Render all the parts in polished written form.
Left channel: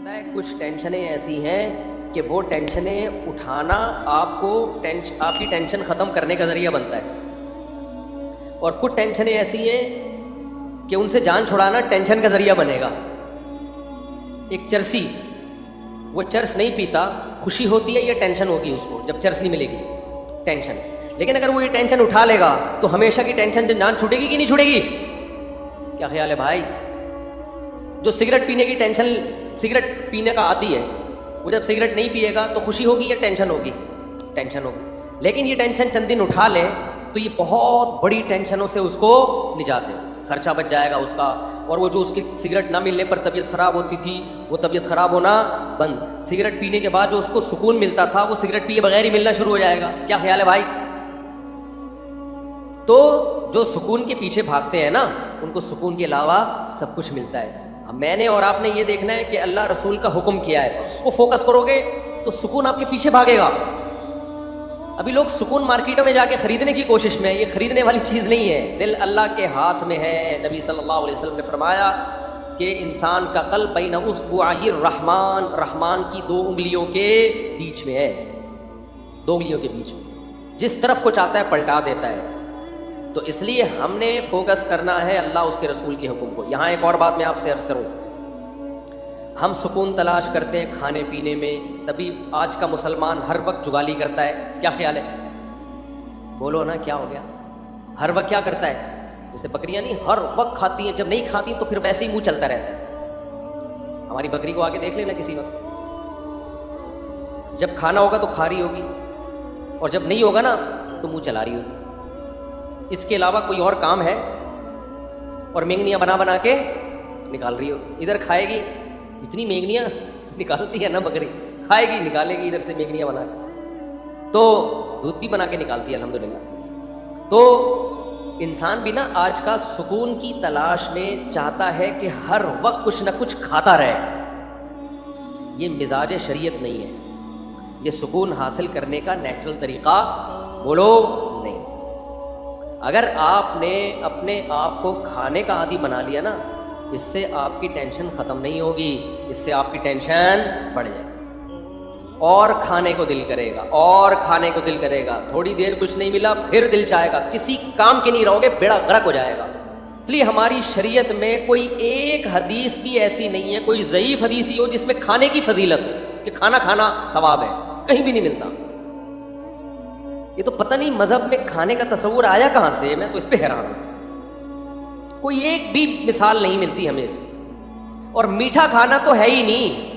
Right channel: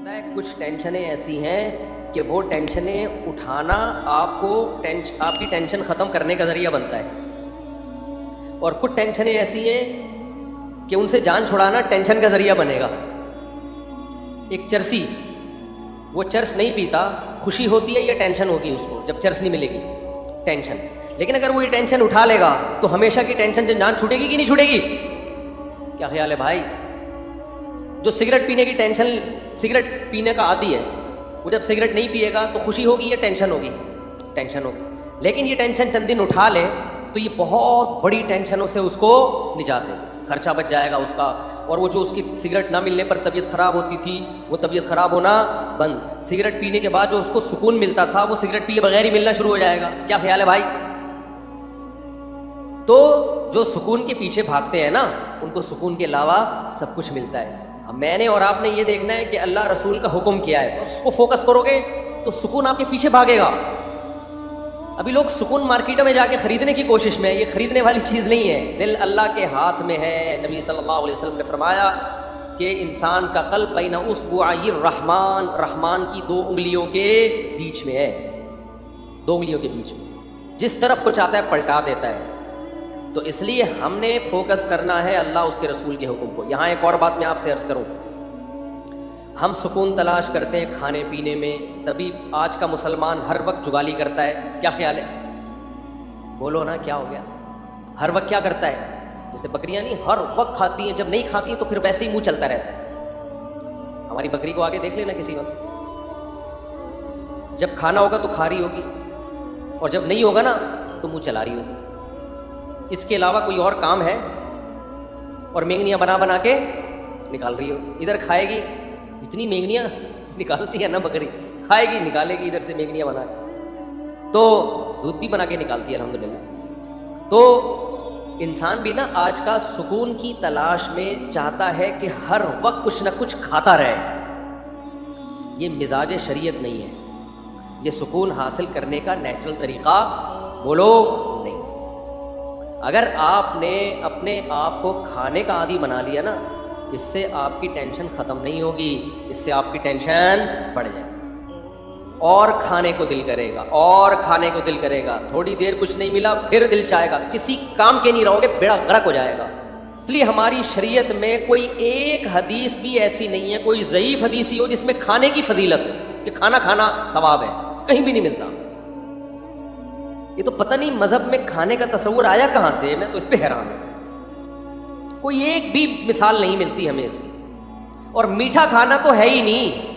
پتہ ہے کچھ ٹینشنیں ایسی ہیں کہ وہ ٹینشنیں اٹھانا آپ کی ٹینشن ختم کرنے کا ذریعہ بنتا ہے، اور کچھ ٹینشنیں ایسی ہیں کہ ان سے جان چھڑانا ٹینشن کا ذریعہ بنے گا۔ ایک چرسی، وہ چرس نہیں پیتا، خوشی ہوتی ہے یا ٹینشن ہوگی اس کو جب چرس نہیں ملے گی؟ ٹینشن۔ لیکن اگر وہ یہ ٹینشن اٹھا لے گا تو ہمیشہ کی ٹینشن سے جان چھوٹے گی کہ نہیں چھوٹے گی؟ کیا خیال ہے بھائی؟ جو سگریٹ پینے کی ٹینشن، سگریٹ پینے کا عادی ہے، وہ جب سگریٹ نہیں پیے گا تو خوشی ہوگی یا ٹینشن ہوگی؟ ٹینشن ہوگی۔ لیکن یہ ٹینشن چند دن اٹھا لے تو یہ بہت بڑی ٹینشنوں سے اس کو نجات دے، خرچہ بچ جائے گا اس کا، اور وہ جو اس کی سگریٹ نہ ملنے پر طبیعت خراب ہوتی تھی وہ طبیعت خراب ہونا بند، سگریٹ پینے کے بعد جو اس کو سکون ملتا تھا وہ سگریٹ پیے بغیر ہی ملنا شروع ہو جائے گا۔ کیا خیال ہے بھائی؟ تو جو سکون کے پیچھے بھاگتے ہیں نا، ان کو سکون کے علاوہ سب کچھ ملتا ہے۔ میں نے اور آپ نے یہ دیکھنا ہے کہ اللہ رسول کا حکم کیا ہے، اس کو فوکس کرو گے تو سکون آپ کے پیچھے بھاگے گا۔ ابھی لوگ سکون مارکیٹوں میں جا کے خریدنے کی کوشش میں، یہ خریدنے والی چیز نہیں ہے، دل اللہ کے ہاتھ میں ہے۔ نبی صلی اللہ علیہ وسلم نے فرمایا کہ انسان کا قلب بین اصبعی الرحمن، رحمان کی دو انگلیوں کے بیچ میں ہے، دو انگلیوں کے بیچ میں، جس طرف کو چاہتا ہے پلٹا دیتا ہے۔ تو اس لیے ہم نے فوکس کرنا ہے اللہ اس کے رسول کے حکم کو۔ یہاں ایک اور بات میں آپ سے عرض کروں، ہم سکون تلاش کرتے ہیں کھانے پینے میں، تبھی آج کا مسلمان ہر وقت جگالی کرتا ہے۔ کیا خیال ہے؟ بولو نا، کیا ہو گیا؟ ہر وقت کیا کرتا ہے؟ جیسے بکریاں نہیں ہر وقت کھاتی ہیں، جب نہیں کھاتی تو پھر ویسے ہی منہ چلتا رہتا ہے۔ ہماری بکری کو آگے دیکھ لینا کسی وقت، جب کھانا ہوگا تو کھا رہی ہوگی، اور جب نہیں ہوگا نا تو منہ چلا رہی ہوگی۔ اس کے علاوہ کوئی اور کام ہے؟ اور مینگنیاں بنا بنا کے نکال رہی ہو، ادھر کھائے گی، اتنی مینگنیاں نکالتی ہے نا بکری، کھائے گی نکالے گی ادھر سے مینگنیاں بنا کے، تو دودھ بھی بنا کے نکالتی ہے الحمدللہ۔ تو انسان بھی نا آج کا سکون کی تلاش میں چاہتا ہے کہ ہر وقت کچھ نہ کچھ کھاتا رہے۔ یہ مزاج شریعت نہیں ہے، یہ سکون حاصل کرنے کا نیچرل طریقہ بولو نہیں۔ اگر آپ نے اپنے آپ کو کھانے کا عادی بنا لیا نا، اس سے آپ کی ٹینشن ختم نہیں ہوگی، اس سے آپ کی ٹینشن بڑھ جائے گی، اور کھانے کو دل کرے گا، اور کھانے کو دل کرے گا، تھوڑی دیر کچھ نہیں ملا پھر دل چاہے گا، کسی کام کے نہیں رہو گے، بیڑا غرق ہو جائے گا۔ اس لیے ہماری شریعت میں کوئی ایک حدیث بھی ایسی نہیں ہے، کوئی ضعیف حدیث ہی ہو جس میں کھانے کی فضیلت کہ کھانا کھانا ثواب ہے، کہیں بھی نہیں ملتا۔ یہ تو پتہ نہیں مذہب میں کھانے کا تصور آیا کہاں سے، میں تو اس پہ حیران ہوں، کوئی ایک بھی مثال نہیں ملتی ہمیں اس کی۔ اور میٹھا کھانا تو ہے ہی نہیں۔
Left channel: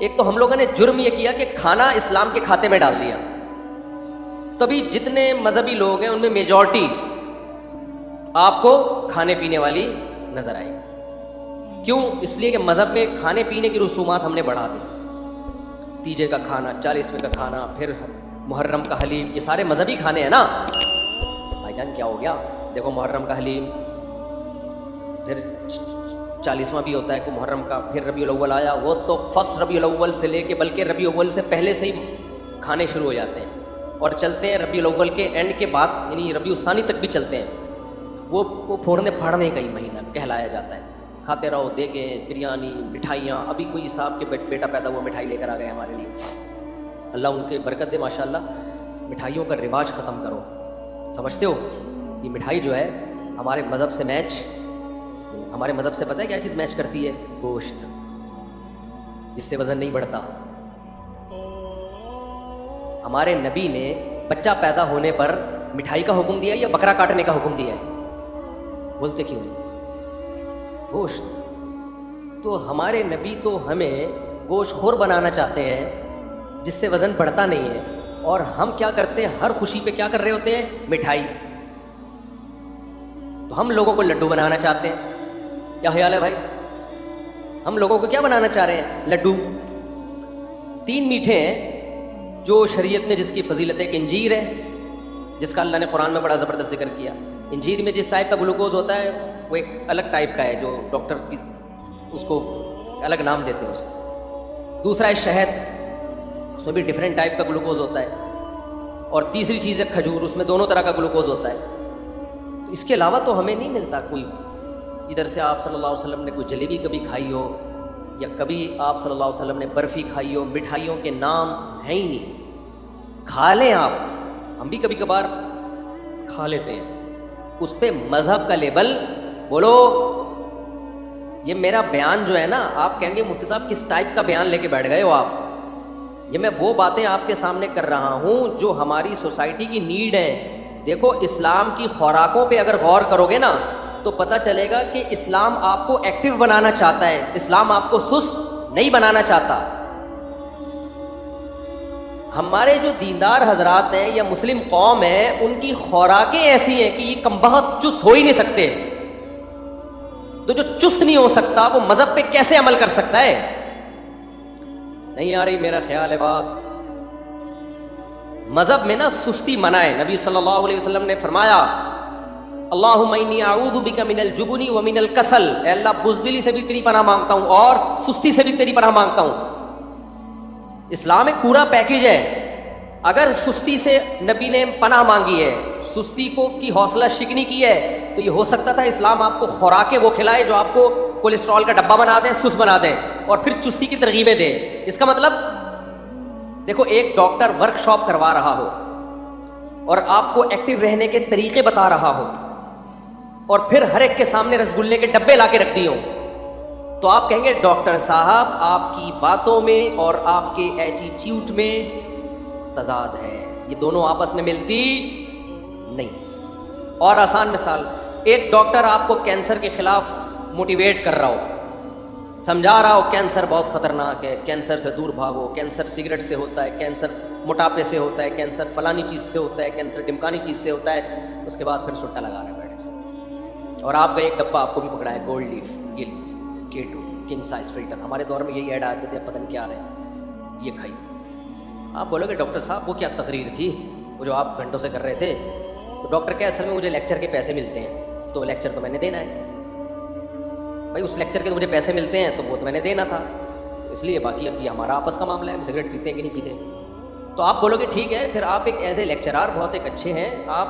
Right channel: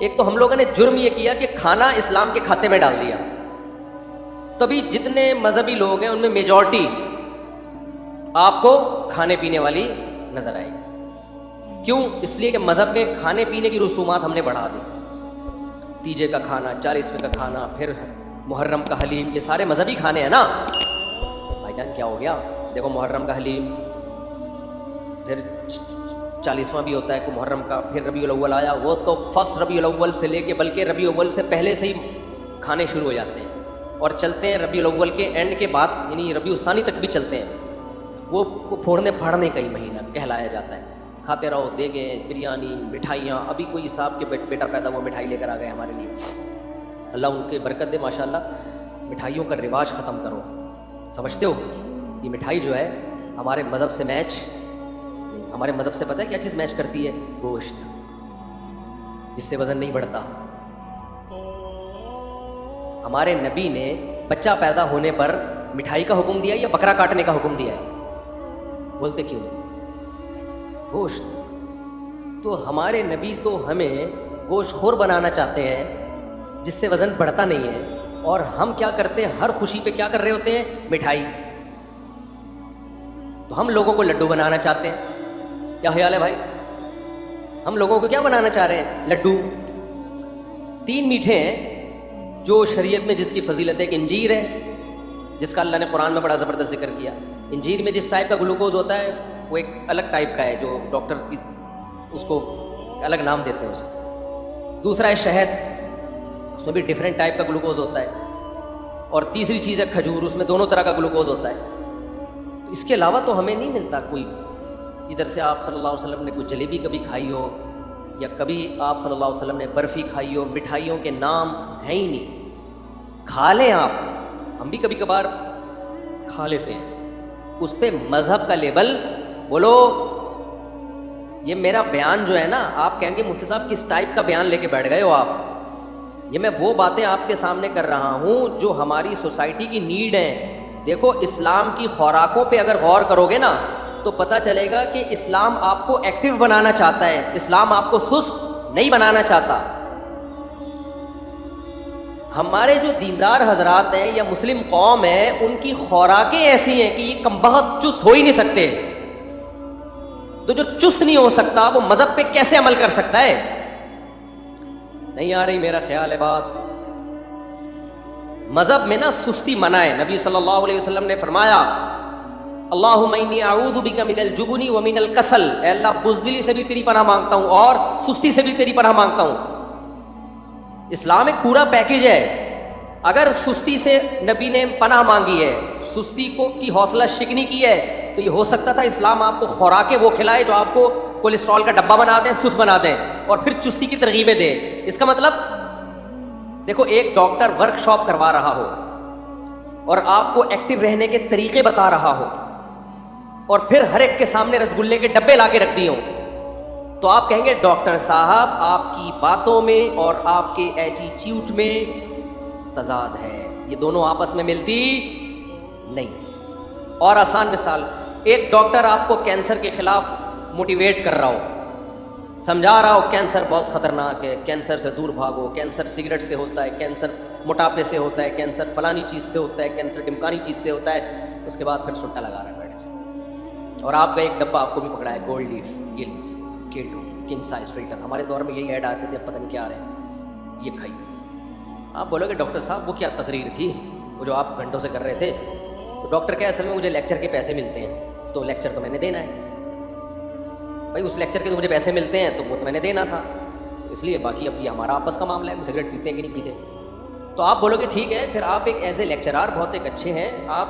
ایک تو ہم لوگوں نے جرم یہ کیا کہ کھانا اسلام کے کھاتے میں ڈال دیا، تبھی جتنے مذہبی لوگ ہیں ان میں میجورٹی آپ کو کھانے پینے والی نظر آئے گی۔ کیوں؟ اس لیے کہ مذہب نے کھانے پینے کی رسومات ہم نے بڑھا دی، تیجے کا کھانا، 40ویں کا کھانا، پھر محرم کا حلیم، یہ سارے مذہبی کھانے ہیں نا۔ بھائی جان کیا ہو گیا؟ دیکھو محرم کا حلیم، پھر 40واں بھی ہوتا ہے کو محرم کا، پھر ربیع الاول آیا، وہ تو فرسٹ ربیع الاول سے لے کے بلکہ ربیع الاول سے پہلے سے ہی کھانے شروع ہو جاتے ہیں اور چلتے ہیں ربیع الاول کے اینڈ کے بعد، یعنی ربیع الثانی تک بھی چلتے ہیں۔ وہ پھوڑنے پھاڑنے کا ہی مہینہ کہلایا جاتا ہے، کھاتے رہو، دیگیں، بریانی، مٹھائیاں۔ ابھی کوئی صاحب کے بیٹا پیدا ہوا مٹھائی لے کر آ گئے ہمارے لیے، اللہ ان کے برکت دے ماشاءاللہ۔ مٹھائیوں کا رواج ختم کرو، سمجھتے ہو؟ یہ مٹھائی جو ہے ہمارے مذہب سے میچ نہیں۔ ہمارے مذہب سے پتہ ہے کیا چیز میچ کرتی ہے؟ گوشت، جس سے وزن نہیں بڑھتا۔ ہمارے نبی نے بچہ پیدا ہونے پر مٹھائی کا حکم دیا یا بکرا کاٹنے کا حکم دیا ہے؟ بولتے کیوں نہیں؟ گوشت۔ تو ہمارے نبی تو ہمیں گوشت خور بنانا چاہتے ہیں جس سے وزن بڑھتا نہیں ہے، اور ہم کیا کرتے ہیں؟ ہر خوشی پہ کیا کر رہے ہوتے ہیں؟ مٹھائی۔ تو ہم لوگوں کو لڈو بنانا چاہتے ہیں۔ کیا خیال ہے بھائی؟ ہم لوگوں کو کیا بنانا چاہ رہے ہیں؟ لڈو۔ 3 میٹھے ہیں جو شریعت میں جس کی فضیلت ہے، کہ انجیر ہے، جس کا اللہ نے قرآن میں بڑا زبردست ذکر کیا۔ انجیر میں جس ٹائپ کا گلوکوز ہوتا ہے وہ ایک الگ ٹائپ کا ہے، جو ڈاکٹر کی اس کو الگ نام دیتے ہیں اسے۔ دوسرا ہے شہد، اس میں بھی ڈیفرنٹ ٹائپ کا گلوکوز ہوتا ہے۔ اور تیسری چیز ہے کھجور، اس میں دونوں طرح کا گلوکوز ہوتا ہے۔ تو اس کے علاوہ تو ہمیں نہیں ملتا کوئی۔ ادھر سے آپ صلی اللہ علیہ وسلم نے کوئی جلیبی کبھی کھائی ہو، یا کبھی آپ صلی اللہ علیہ وسلم نے برفی کھائی ہو، مٹھائیوں کے نام ہیں ہی نہیں، کھا لیں آپ، ہم بھی کبھی کبھار کھا لیتے ہیں، اس پہ مذہب کا لیبل بولو۔ یہ میرا بیان جو ہے نا، آپ کہیں گے مفتی صاحب کس ٹائپ کا بیان لے کے بیٹھ گئے ہو آپ، یہ میں وہ باتیں آپ کے سامنے کر رہا ہوں جو ہماری سوسائٹی کی نیڈ ہے۔ دیکھو اسلام کی خوراکوں پہ اگر غور کرو گے نا تو پتہ چلے گا کہ اسلام آپ کو ایکٹیو بنانا چاہتا ہے، اسلام آپ کو سست نہیں بنانا چاہتا۔ ہمارے جو دیندار حضرات ہیں یا مسلم قوم ہے، ان کی خوراکیں ایسی ہیں کہ یہ کمبخت چست ہو ہی نہیں سکتے، تو جو چست نہیں ہو سکتا وہ مذہب پہ کیسے عمل کر سکتا ہے؟ نہیں آ رہی میرا خیال ہے بات۔ مذہب میں نا سستی منع ہے۔ نبی صلی اللہ علیہ وسلم نے فرمایا اللہم انی اعوذ بک من الجبن ومن الکسل، اے اللہ بزدلی سے بھی تیری پناہ مانگتا ہوں اور سستی سے بھی تیری پناہ مانگتا ہوں۔ اسلام ایک پورا پیکج ہے۔ اگر سستی سے نبی نے پناہ مانگی ہے، سستی کو کی حوصلہ شکنی کی ہے، تو یہ ہو سکتا تھا اسلام آپ کو خوراکیں وہ کھلائے جو آپ کو کولیسٹرول کا ڈبہ بنا دیں، سست بنا دیں، اور پھر چستی کی ترغیبیں دے۔ اس کا مطلب دیکھو ایک ڈاکٹر ورک شاپ کروا رہا ہو اور آپ کو ایکٹیو رہنے کے طریقے بتا رہا ہو، اور پھر ہر ایک کے سامنے رسگلے کے ڈبے لا کے رکھ دیے ہوں، تو آپ کہیں گے ڈاکٹر صاحب آپ کی باتوں میں اور آپ کے ایٹیٹیوڈ میں تضاد ہے، یہ دونوں آپس میں ملتی نہیں۔ اور آسان مثال، ایک ڈاکٹر آپ کو کینسر کے خلاف موٹیویٹ کر رہا ہو، سمجھا رہا ہو کینسر بہت خطرناک ہے، کینسر سے دور بھاگو، کینسر سگریٹ سے ہوتا ہے، کینسر موٹاپے سے ہوتا ہے، کینسر فلانی چیز سے ہوتا ہے، کینسر ڈمکانی چیز سے ہوتا ہے، اس کے بعد پھر سٹا لگا رہا ہے بیٹھ کے، اور آپ کا ایک ڈبہ آپ کو بھی پکڑا ہے گولڈ لیف، یہ لیجیے K2 کنگ سائز فلٹر، ہمارے دور میں یہی ایڈ آتے تھے، پتہ نہیں کیا آ رہے ہیں، یہ کھائیے۔ آپ بولو گے ڈاکٹر صاحب وہ کیا تقریر تھی وہ جو آپ گھنٹوں سے کر رہے تھے؟ تو ڈاکٹر کیا اصل میں مجھے لیکچر کے پیسے ملتے ہیں، تو لیکچر تو میں نے دینا ہے بھائی، اس لیکچر کے مجھے پیسے ملتے ہیں تو وہ تو میں نے دینا تھا، اس لیے باقی اب یہ ہمارا آپس کا معاملہ ہے، سگریٹ پیتے ہیں کہ نہیں پیتے۔ تو آپ بولو گے ٹھیک ہے، پھر آپ ایک ایز اے لیکچرار بہت ایک اچھے ہیں، آپ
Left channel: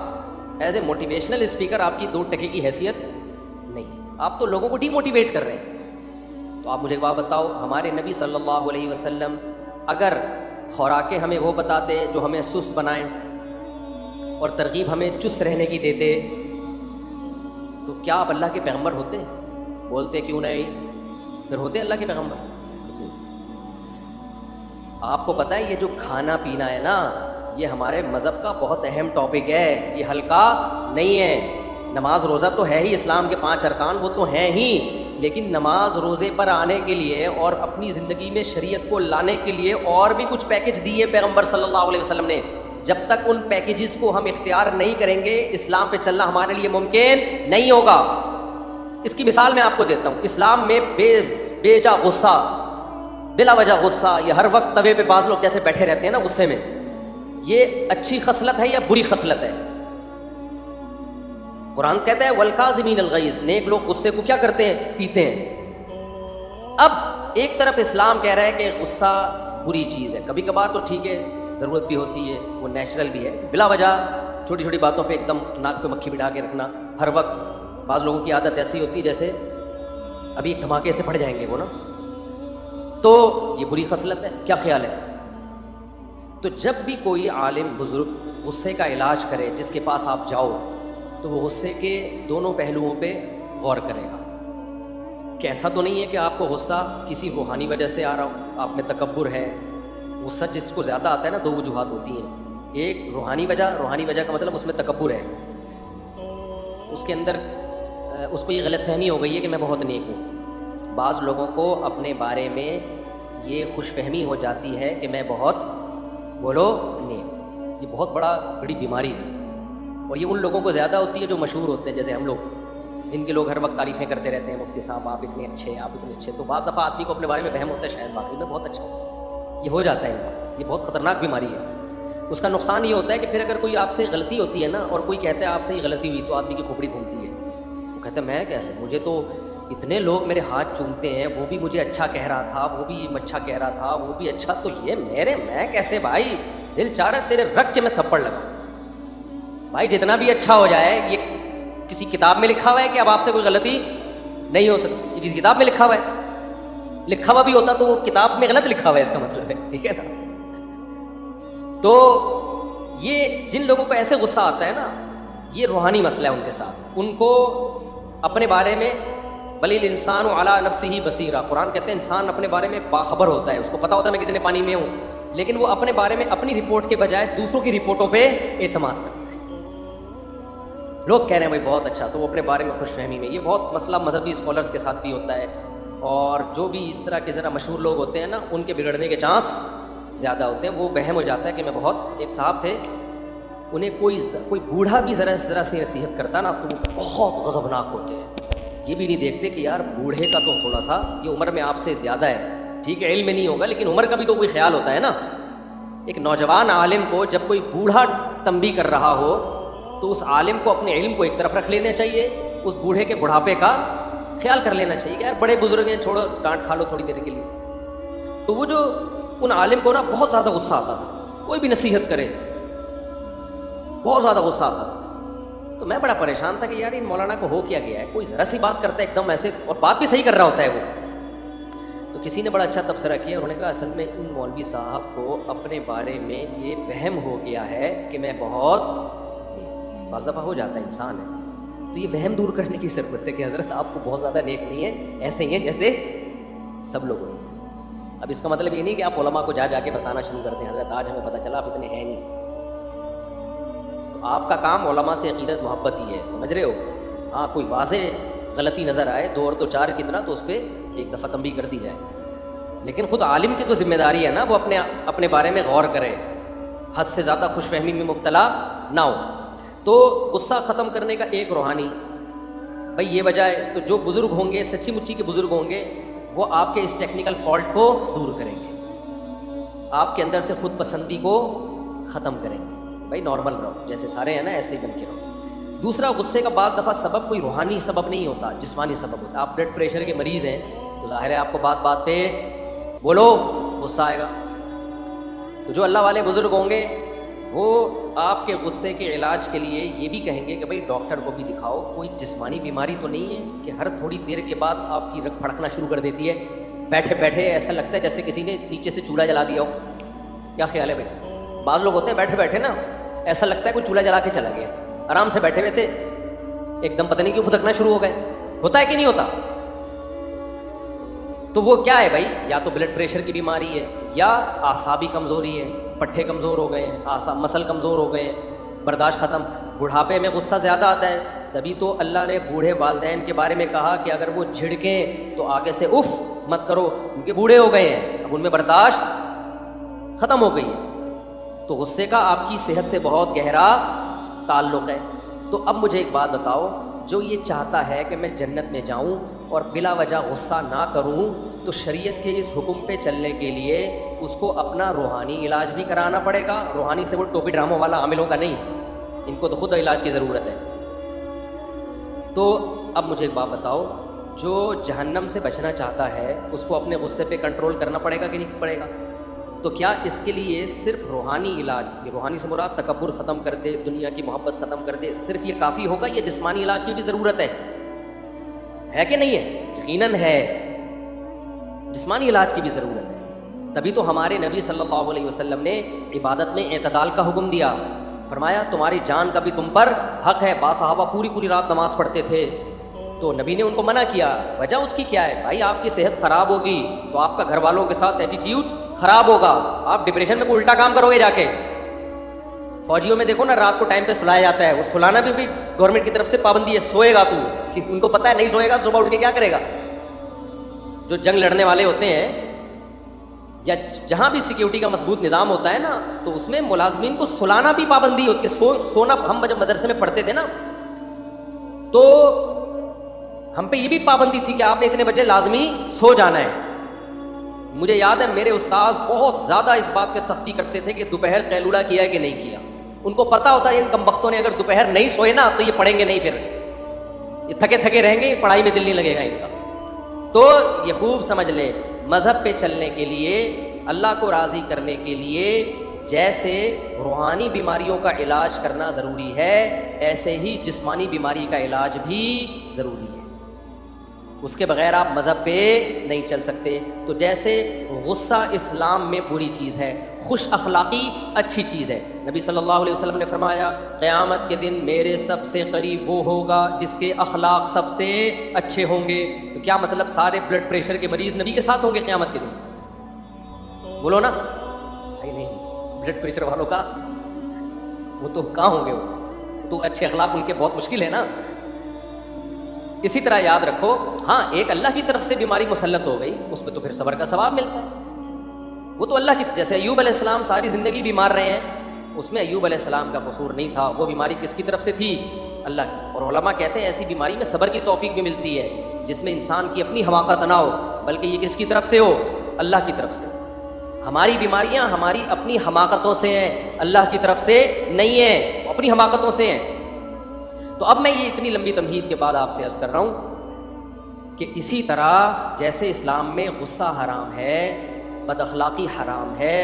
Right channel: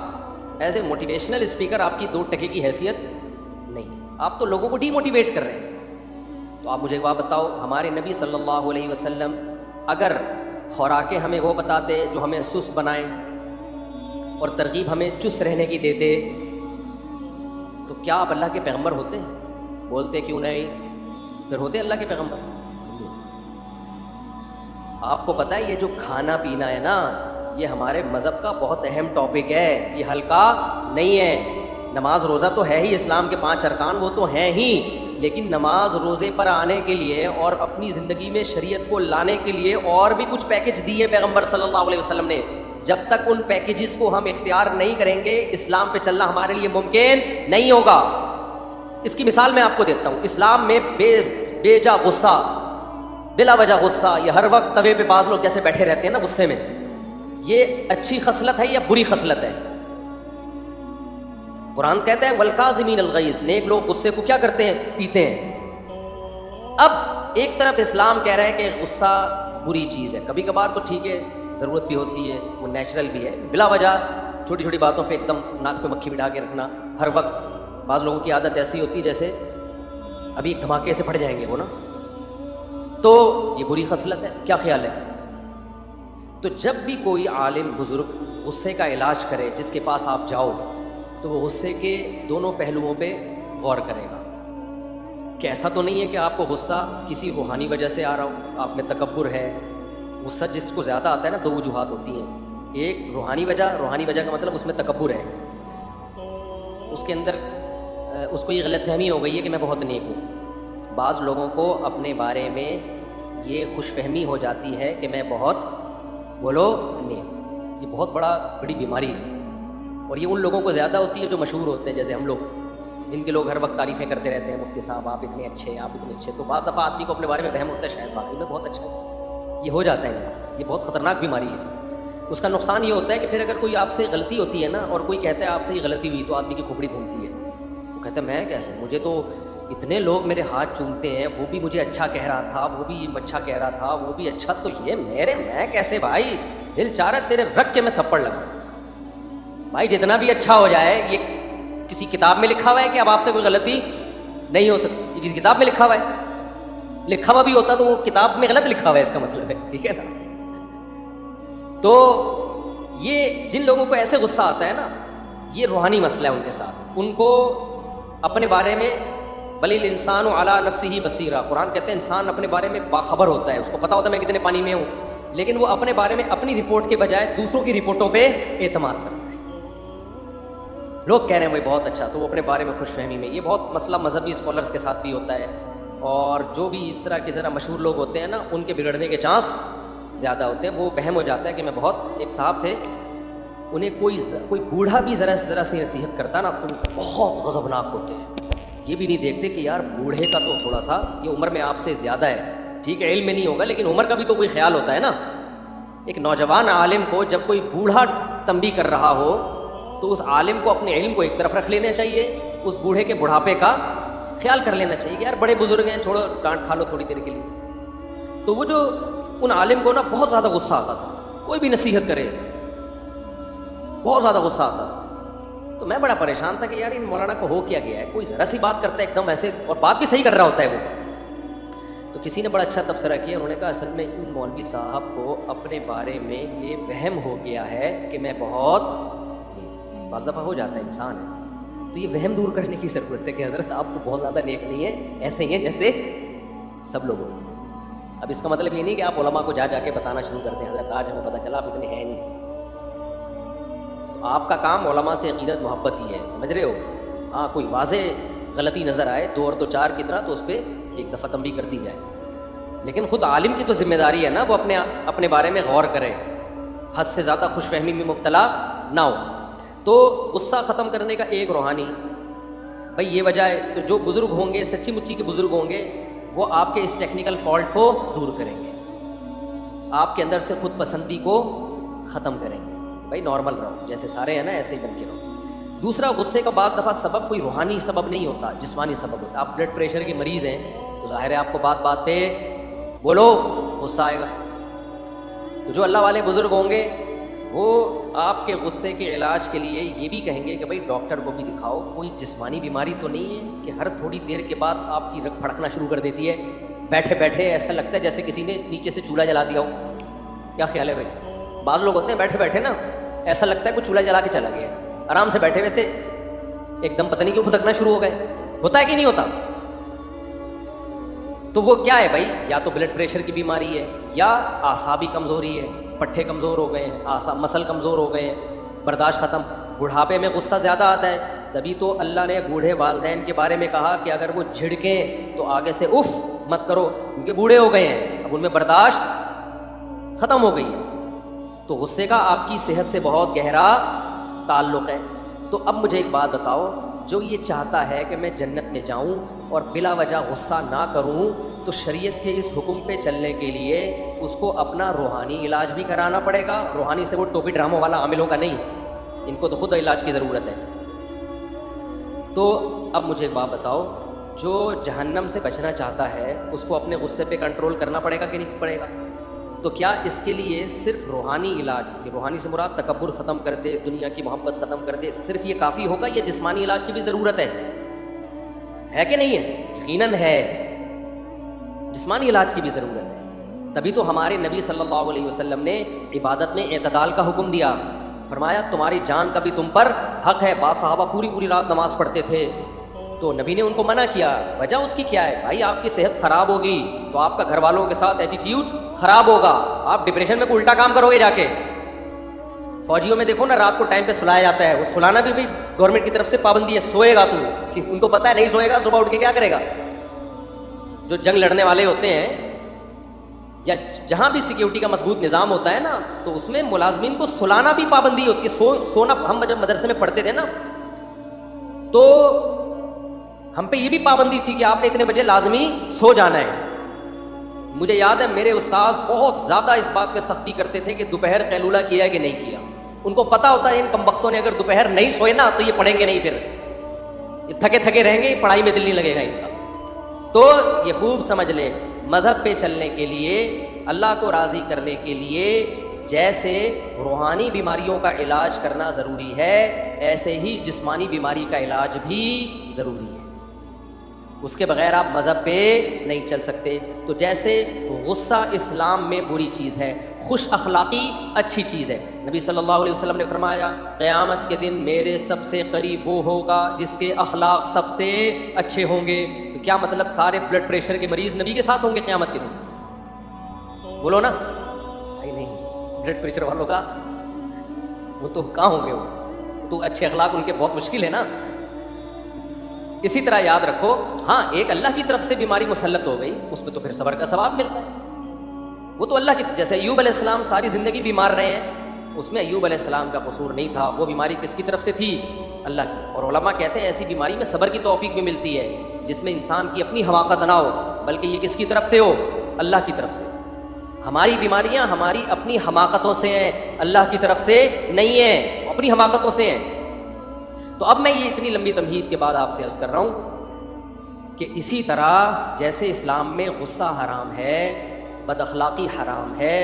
ایز اے موٹیویشنل اسپیکر آپ کی 2 ٹکے کی حیثیت نہیں ہے، آپ تو لوگوں کو ڈی موٹیویٹ کر رہے ہیں۔ تو آپ مجھے بات بتاؤ، ہمارے نبی صلی اللہ علیہ وسلم اگر خوراکیں ہمیں وہ بتاتے جو ہمیں سست بنائیں اور ترغیب ہمیں چست رہنے کی دیتے، تو کیا آپ اللہ کے پیغمبر ہوتے؟ بولتے کیوں نہیں، پھر ہوتے اللہ کے پیغمبر؟ آپ کو پتہ ہے یہ جو کھانا پینا ہے نا، یہ ہمارے مذہب کا بہت اہم ٹاپک ہے، یہ ہلکا نہیں ہے۔ نماز روزہ تو ہے ہی، اسلام کے 5 ارکان وہ تو ہیں ہی، لیکن نماز روزے پر آنے کے لیے اور اپنی زندگی میں شریعت کو لانے کے لیے اور بھی کچھ پیکج دی ہے پیغمبر صلی اللہ علیہ وسلم نے۔ جب تک ان پیکیجز کو ہم اختیار نہیں کریں گے، اسلام پہ چلنا ہمارے لیے ممکن نہیں ہوگا۔ اس کی مثال میں آپ کو دیتا ہوں، اسلام میں بے جا غصہ، بلا وجہ غصہ، یہ ہر وقت توے پہ بعض لوگ جیسے بیٹھے رہتے ہیں نا غصے میں، یہ اچھی خصلت ہے یا بری خصلت ہے؟ قرآن کہتا ہے والکاظمین الغیظ، نیک لوگ غصے کو کیا کرتے ہیں؟ پیتے ہیں۔ اب ایک طرف اسلام کہہ رہا ہے کہ غصہ بری چیز ہے، کبھی کبھار تو ٹھیک ہے، ضرورت بھی ہوتی ہے، وہ نیچرل بھی ہے، بلا وجہ چھوٹی چھوٹی باتوں پہ ایک دم ناک پہ مکھی بٹھا کے رکھنا ہر وقت، بعض لوگوں کی عادت ایسی ہوتی ہے جیسے ابھی ایک دھماکے سے پھٹ جائیں گے وہ نا، تو یہ بری خصلت ہے۔ کیا خیال ہے؟ تو جب بھی کوئی عالم بزرگ غصے کا علاج کرے، جس کے پاس آپ جاؤ، تو وہ غصے کے دونوں پہلوؤں پہ غور کرے گا کہ ایسا تو نہیں ہے کہ آپ کو غصہ کسی روحانی وجہ سے آ رہا، آپ میں تکبر ہے۔ غصہ جس کو زیادہ آتا ہے نا، 2 وجوہات ہوتی ہیں، ایک روحانی وجہ کا مطلب اس میں تکبر ہے، اس کے اندر اس کو یہ غلط فہمی ہو گئی ہے کہ میں بہت نیک ہوں۔ بعض لوگوں کو اپنے بارے میں یہ خوش فہمی ہو جاتی ہے کہ میں بہت بولو نیک، یہ بہت بڑی بیماری ہے، اور یہ ان لوگوں کو زیادہ ہوتی ہے جو مشہور ہوتے ہیں، جیسے ہم لوگ، جن کے لوگ ہر وقت تعریفیں کرتے رہتے ہیں، مفتی صاحب آپ اتنے اچھے، آپ اتنے اچھے، تو بعض دفعہ آدمی کو اپنے بارے میں وہم ہوتا ہے شاید واقعی میں بہت اچھا ہوں، یہ ہو جاتا ہے، یہ بہت خطرناک بیماری ہے۔ اس کا نقصان یہ ہوتا ہے کہ پھر اگر کوئی آپ سے غلطی ہوتی ہے نا، اور کوئی کہتا ہے آپ سے یہ غلطی ہوئی، تو آدمی کی کھوپڑی گھومتی ہے، وہ کہتا ہے میں کیسے، مجھے تو اتنے لوگ میرے ہاتھ چومتے ہیں، وہ بھی مجھے اچھا کہہ رہا تھا، وہ بھی اچھا کہہ رہا تھا، وہ بھی اچھا، تو یہ میں کیسے بھائی، دل چاہ رہا ہے تیرے رکھ کے میں تھپڑ لگاؤں۔ بھائی جتنا بھی اچھا ہو جائے، یہ کسی کتاب میں لکھا ہوا ہے کہ اب آپ سے کوئی غلطی نہیں ہو سکتی، یہ کسی کتاب میں لکھا ہوا ہے؟ لکھا ہوا بھی ہوتا تو وہ کتاب میں غلط لکھا ہوا ہے اس کا مطلب ہے, ٹھیک ہے نا. تو یہ جن لوگوں کو ایسے غصہ آتا ہے نا, یہ روحانی مسئلہ ہے ان کے ساتھ. ان کو اپنے بارے میں بل الانسان علی نفسہ بصیرہ, قرآن کہتے ہیں انسان اپنے بارے میں باخبر ہوتا ہے, اس کو پتا ہوتا ہے میں کتنے پانی میں ہوں, لیکن وہ اپنے بارے میں اپنی رپورٹ کے بجائے دوسروں کی رپورٹوں پہ اعتماد کرتا ہے. لوگ کہہ رہے ہیں بھائی بہت اچھا, تو وہ اپنے بارے میں خوش فہمی میں. یہ بہت مسئلہ مذہبی اسکالرس کے ساتھ بھی ہوتا ہے, اور جو بھی اس طرح کے ذرا مشہور لوگ ہوتے ہیں نا, ان کے بگڑنے کے چانس زیادہ ہوتے ہیں. وہ وہم ہو جاتا ہے کہ میں بہت, ایک صاحب تھے انہیں کوئی بوڑھا بھی ذرا سی نصیحت کرتا نا تو وہ بہت غضبناک ہوتے ہیں. یہ بھی نہیں دیکھتے کہ یار بوڑھے کا تو تھوڑا سا یہ عمر میں آپ سے زیادہ ہے, ٹھیک ہے علم میں نہیں ہوگا لیکن عمر کا بھی تو کوئی خیال ہوتا ہے نا. ایک نوجوان عالم کو جب کوئی بوڑھا تنبیہ کر رہا ہو تو اس عالم کو اپنے علم کو ایک طرف رکھ لینا چاہیے, اس بوڑھے کے بڑھاپے کا خیال کر لینا چاہیے کہ یار بڑے بزرگ ہیں, چھوڑو ڈانٹ کھا لو تھوڑی دیر کے لیے. تو وہ جو ان عالم کو نا بہت زیادہ غصہ آتا تھا, کوئی بھی نصیحت کرے بہت زیادہ غصہ آتا تھا. تو میں بڑا پریشان تھا کہ یار ان مولانا کو ہو کیا گیا ہے, کوئی ذرا سی بات کرتا ہے ایک دم ایسے, اور بات بھی صحیح کر رہا ہوتا ہے وہ. تو کسی نے بڑا اچھا تبصرہ کیا, انہوں نے کہا اصل میں ان مولوی صاحب کو اپنے بارے میں یہ وہم ہو گیا ہے کہ میں بہت, بعض دفعہ ہو جاتا ہے انسان ہے, تو یہ وہم دور کرنے کی ضرورت ہے کہ حضرت آپ کو بہت زیادہ نیک نہیں ہے, ایسے ہی ہیں جیسے سب لوگ ہوتے ہیں. اب اس کا مطلب یہ نہیں کہ آپ علماء کو جا کے بتانا شروع کر دیں حضرت آج ہمیں پتہ چلا آپ اتنے ہیں نہیں. تو آپ کا کام علماء سے یقیناً محبت ہی ہے, سمجھ رہے ہو. ہاں کوئی واضح غلطی نظر آئے 2 اور 2 4 کی طرح تو اس پہ ایک دفعہ تنبیہ کر دی جائے, لیکن خود عالم کی تو ذمہ داری ہے نا وہ اپنے بارے میں غور کرے, حد سے زیادہ خوش فہمی میں مبتلا نہ ہو. تو غصہ ختم کرنے کا ایک روحانی بھائی یہ وجہ ہے. تو جو بزرگ ہوں گے, سچی مچی کے بزرگ ہوں گے, وہ آپ کے اس ٹیکنیکل فالٹ کو دور کریں گے, آپ کے اندر سے خود پسندی کو ختم کریں گے. بھائی نارمل رہو, جیسے سارے ہیں نا ایسے ہی بن کے رہو. دوسرا, غصے کا بعض دفعہ سبب کوئی روحانی سبب نہیں ہوتا, جسمانی سبب ہوتا. آپ بلڈ پریشر کے مریض ہیں تو ظاہر ہے آپ کو بات بات پہ بولو غصہ آئے گا. تو جو اللہ والے بزرگ ہوں گے وہ آپ کے غصے کے علاج کے لیے یہ بھی کہیں گے کہ بھائی ڈاکٹر کو بھی دکھاؤ, کوئی جسمانی بیماری تو نہیں ہے کہ ہر تھوڑی دیر کے بعد آپ کی رگ پھڑکنا شروع کر دیتی ہے, بیٹھے بیٹھے ایسا لگتا ہے جیسے کسی نے نیچے سے چولہا جلا دیا ہو. کیا خیال ہے بھائی؟ بعض لوگ ہوتے ہیں بیٹھے بیٹھے نا ایسا لگتا ہے کوئی چولہا جلا کے چلا گیا, آرام سے بیٹھے ہوئے تھے ایک دم پتہ نہیں کیوں پھٹکنا شروع ہو گئے. ہوتا ہے کہ نہیں ہوتا؟ تو وہ کیا ہے بھائی, یا تو بلڈ پریشر کی بیماری ہے, یا اعصابی کمزوری ہے, پٹھے کمزور ہو گئے, مسل کمزور ہو گئے, برداشت ختم. بڑھاپے میں غصہ زیادہ آتا ہے, تبھی تو اللہ نے بوڑھے والدین کے بارے میں کہا کہ اگر وہ جھڑکیں تو آگے سے اف مت کرو, کیونکہ بوڑھے ہو گئے ہیں, اب ان میں برداشت ختم ہو گئی ہے. تو غصے کا آپ کی صحت سے بہت گہرا تعلق ہے. تو اب مجھے ایک بات بتاؤ, جو یہ چاہتا ہے کہ میں جنت میں جاؤں اور بلا وجہ غصہ نہ کروں, تو شریعت کے اس حکم پہ چلنے کے لیے اس کو اپنا روحانی علاج بھی کرانا پڑے گا. روحانی سے وہ ٹوپی ڈراموں والا عامل ہوگا نہیں, ان کو تو خود علاج کی ضرورت ہے. تو اب مجھے ایک بات بتاؤ, جو جہنم سے بچنا چاہتا ہے اس کو اپنے غصے پہ کنٹرول کرنا پڑے گا کہ نہیں پڑے گا؟ تو کیا اس کے لیے صرف روحانی علاج, روحانی سے مراد تکبر ختم کر دے, دنیا کی محبت ختم کر دے, صرف یہ کافی ہوگا؟ یہ جسمانی علاج کی بھی ضرورت ہے کہ نہیں ہے؟ یقیناً ہے, جسمانی علاج کی بھی ضرورت ہے. تبھی تو ہمارے نبی صلی اللہ علیہ وسلم نے عبادت میں اعتدال کا حکم دیا. فرمایا تمہاری جان کا بھی تم پر حق ہے. صحابہ پوری رات نماز پڑھتے تھے تو نبی نے ان کو منع کیا. وجہ اس کی کیا ہے؟ بھائی آپ کی صحت خراب ہوگی تو آپ کا گھر والوں کے ساتھ ایٹیٹیوڈ خراب ہوگا, آپ ڈپریشن میں کوئی الٹا کام کرو گے جا کے. فوجیوں میں دیکھو نا رات کو ٹائم پہ سلایا جاتا ہے, وہ سلانا بھی گورنمنٹ کی طرف سے پابندی ہے. سوئے گا تو ان کو پتا ہے نہیں سوئے گا صبح اٹھ کے کیا کرے گا. جو جنگ لڑنے والے ہوتے ہیں یا جہاں بھی سیکیورٹی کا مضبوط نظام ہوتا ہے نا, تو اس میں ملازمین کو سلانا بھی پابندی ہوتی ہے. سونا ہم جب مدرسے میں پڑھتے تھے نا تو ہم پہ یہ بھی پابندی تھی کہ آپ نے اتنے بجے لازمی سو جانا ہے. مجھے یاد ہے میرے استاذ بہت زیادہ اس بات پہ سختی کرتے تھے کہ دوپہر قیلولہ کیا ہے کہ نہیں کیا. ان کو پتا ہوتا ہے ان کم بختوں نے اگر دوپہر نہیں سوئے نا تو یہ پڑھیں گے نہیں, پھر یہ تھکے رہیں گے, پڑھائی میں دل نہیں لگے گا ان کا. تو یہ خوب سمجھ لیں, مذہب پہ چلنے کے لیے, اللہ کو راضی کرنے کے لیے جیسے روحانی بیماریوں کا علاج کرنا ضروری ہے, ایسے ہی جسمانی بیماری کا علاج بھی ضروری ہے. اس کے بغیر آپ مذہب پہ نہیں چل سکتے. تو جیسے غصہ اسلام میں بری چیز ہے، خوش اخلاقی اچھی چیز ہے. نبی صلی اللہ علیہ وسلم نے فرمایا قیامت کے دن میرے سب سے قریب وہ ہوگا جس کے اخلاق سب سے اچھے ہوں گے. تو کیا مطلب سارے بلڈ پریشر کے مریض نبی کے ساتھ ہوں گے قیامت کے دن؟ بولو نا. نہیں، بلڈ پریشر والوں کا وہ تو کہاں ہوں گے، وہ تو اچھے اخلاق ان کے بہت مشکل ہے نا. اسی طرح یاد رکھو، ہاں ایک اللہ کی طرف سے بیماری مسلط ہو گئی، اس پہ تو پھر صبر کا ثواب ملتا ہے. وہ تو اللہ کی، جیسے ایوب علیہ السلام ساری زندگی بیمار رہے ہیں، اس میں ایوب علیہ السلام کا قصور نہیں تھا. وہ بیماری کس کی طرف سے تھی؟ اللہ کی. اور علماء کہتے ہیں ایسی بیماری میں صبر کی توفیق بھی ملتی ہے، جس میں انسان کی اپنی حماقت نہ ہو، بلکہ یہ کس کی طرف سے ہو؟ اللہ کی طرف سے. ہماری بیماریاں ہماری اپنی حماقتوں سے ہیں، اللہ کی طرف سے نہیں ہیں، اپنی حماقتوں سے ہیں. تو اب میں یہ اتنی لمبی تمہید کے بعد آپ سے عرض کر رہا ہوں کہ اسی طرح جیسے اسلام میں غصہ حرام ہے، بد اخلاقی حرام ہے،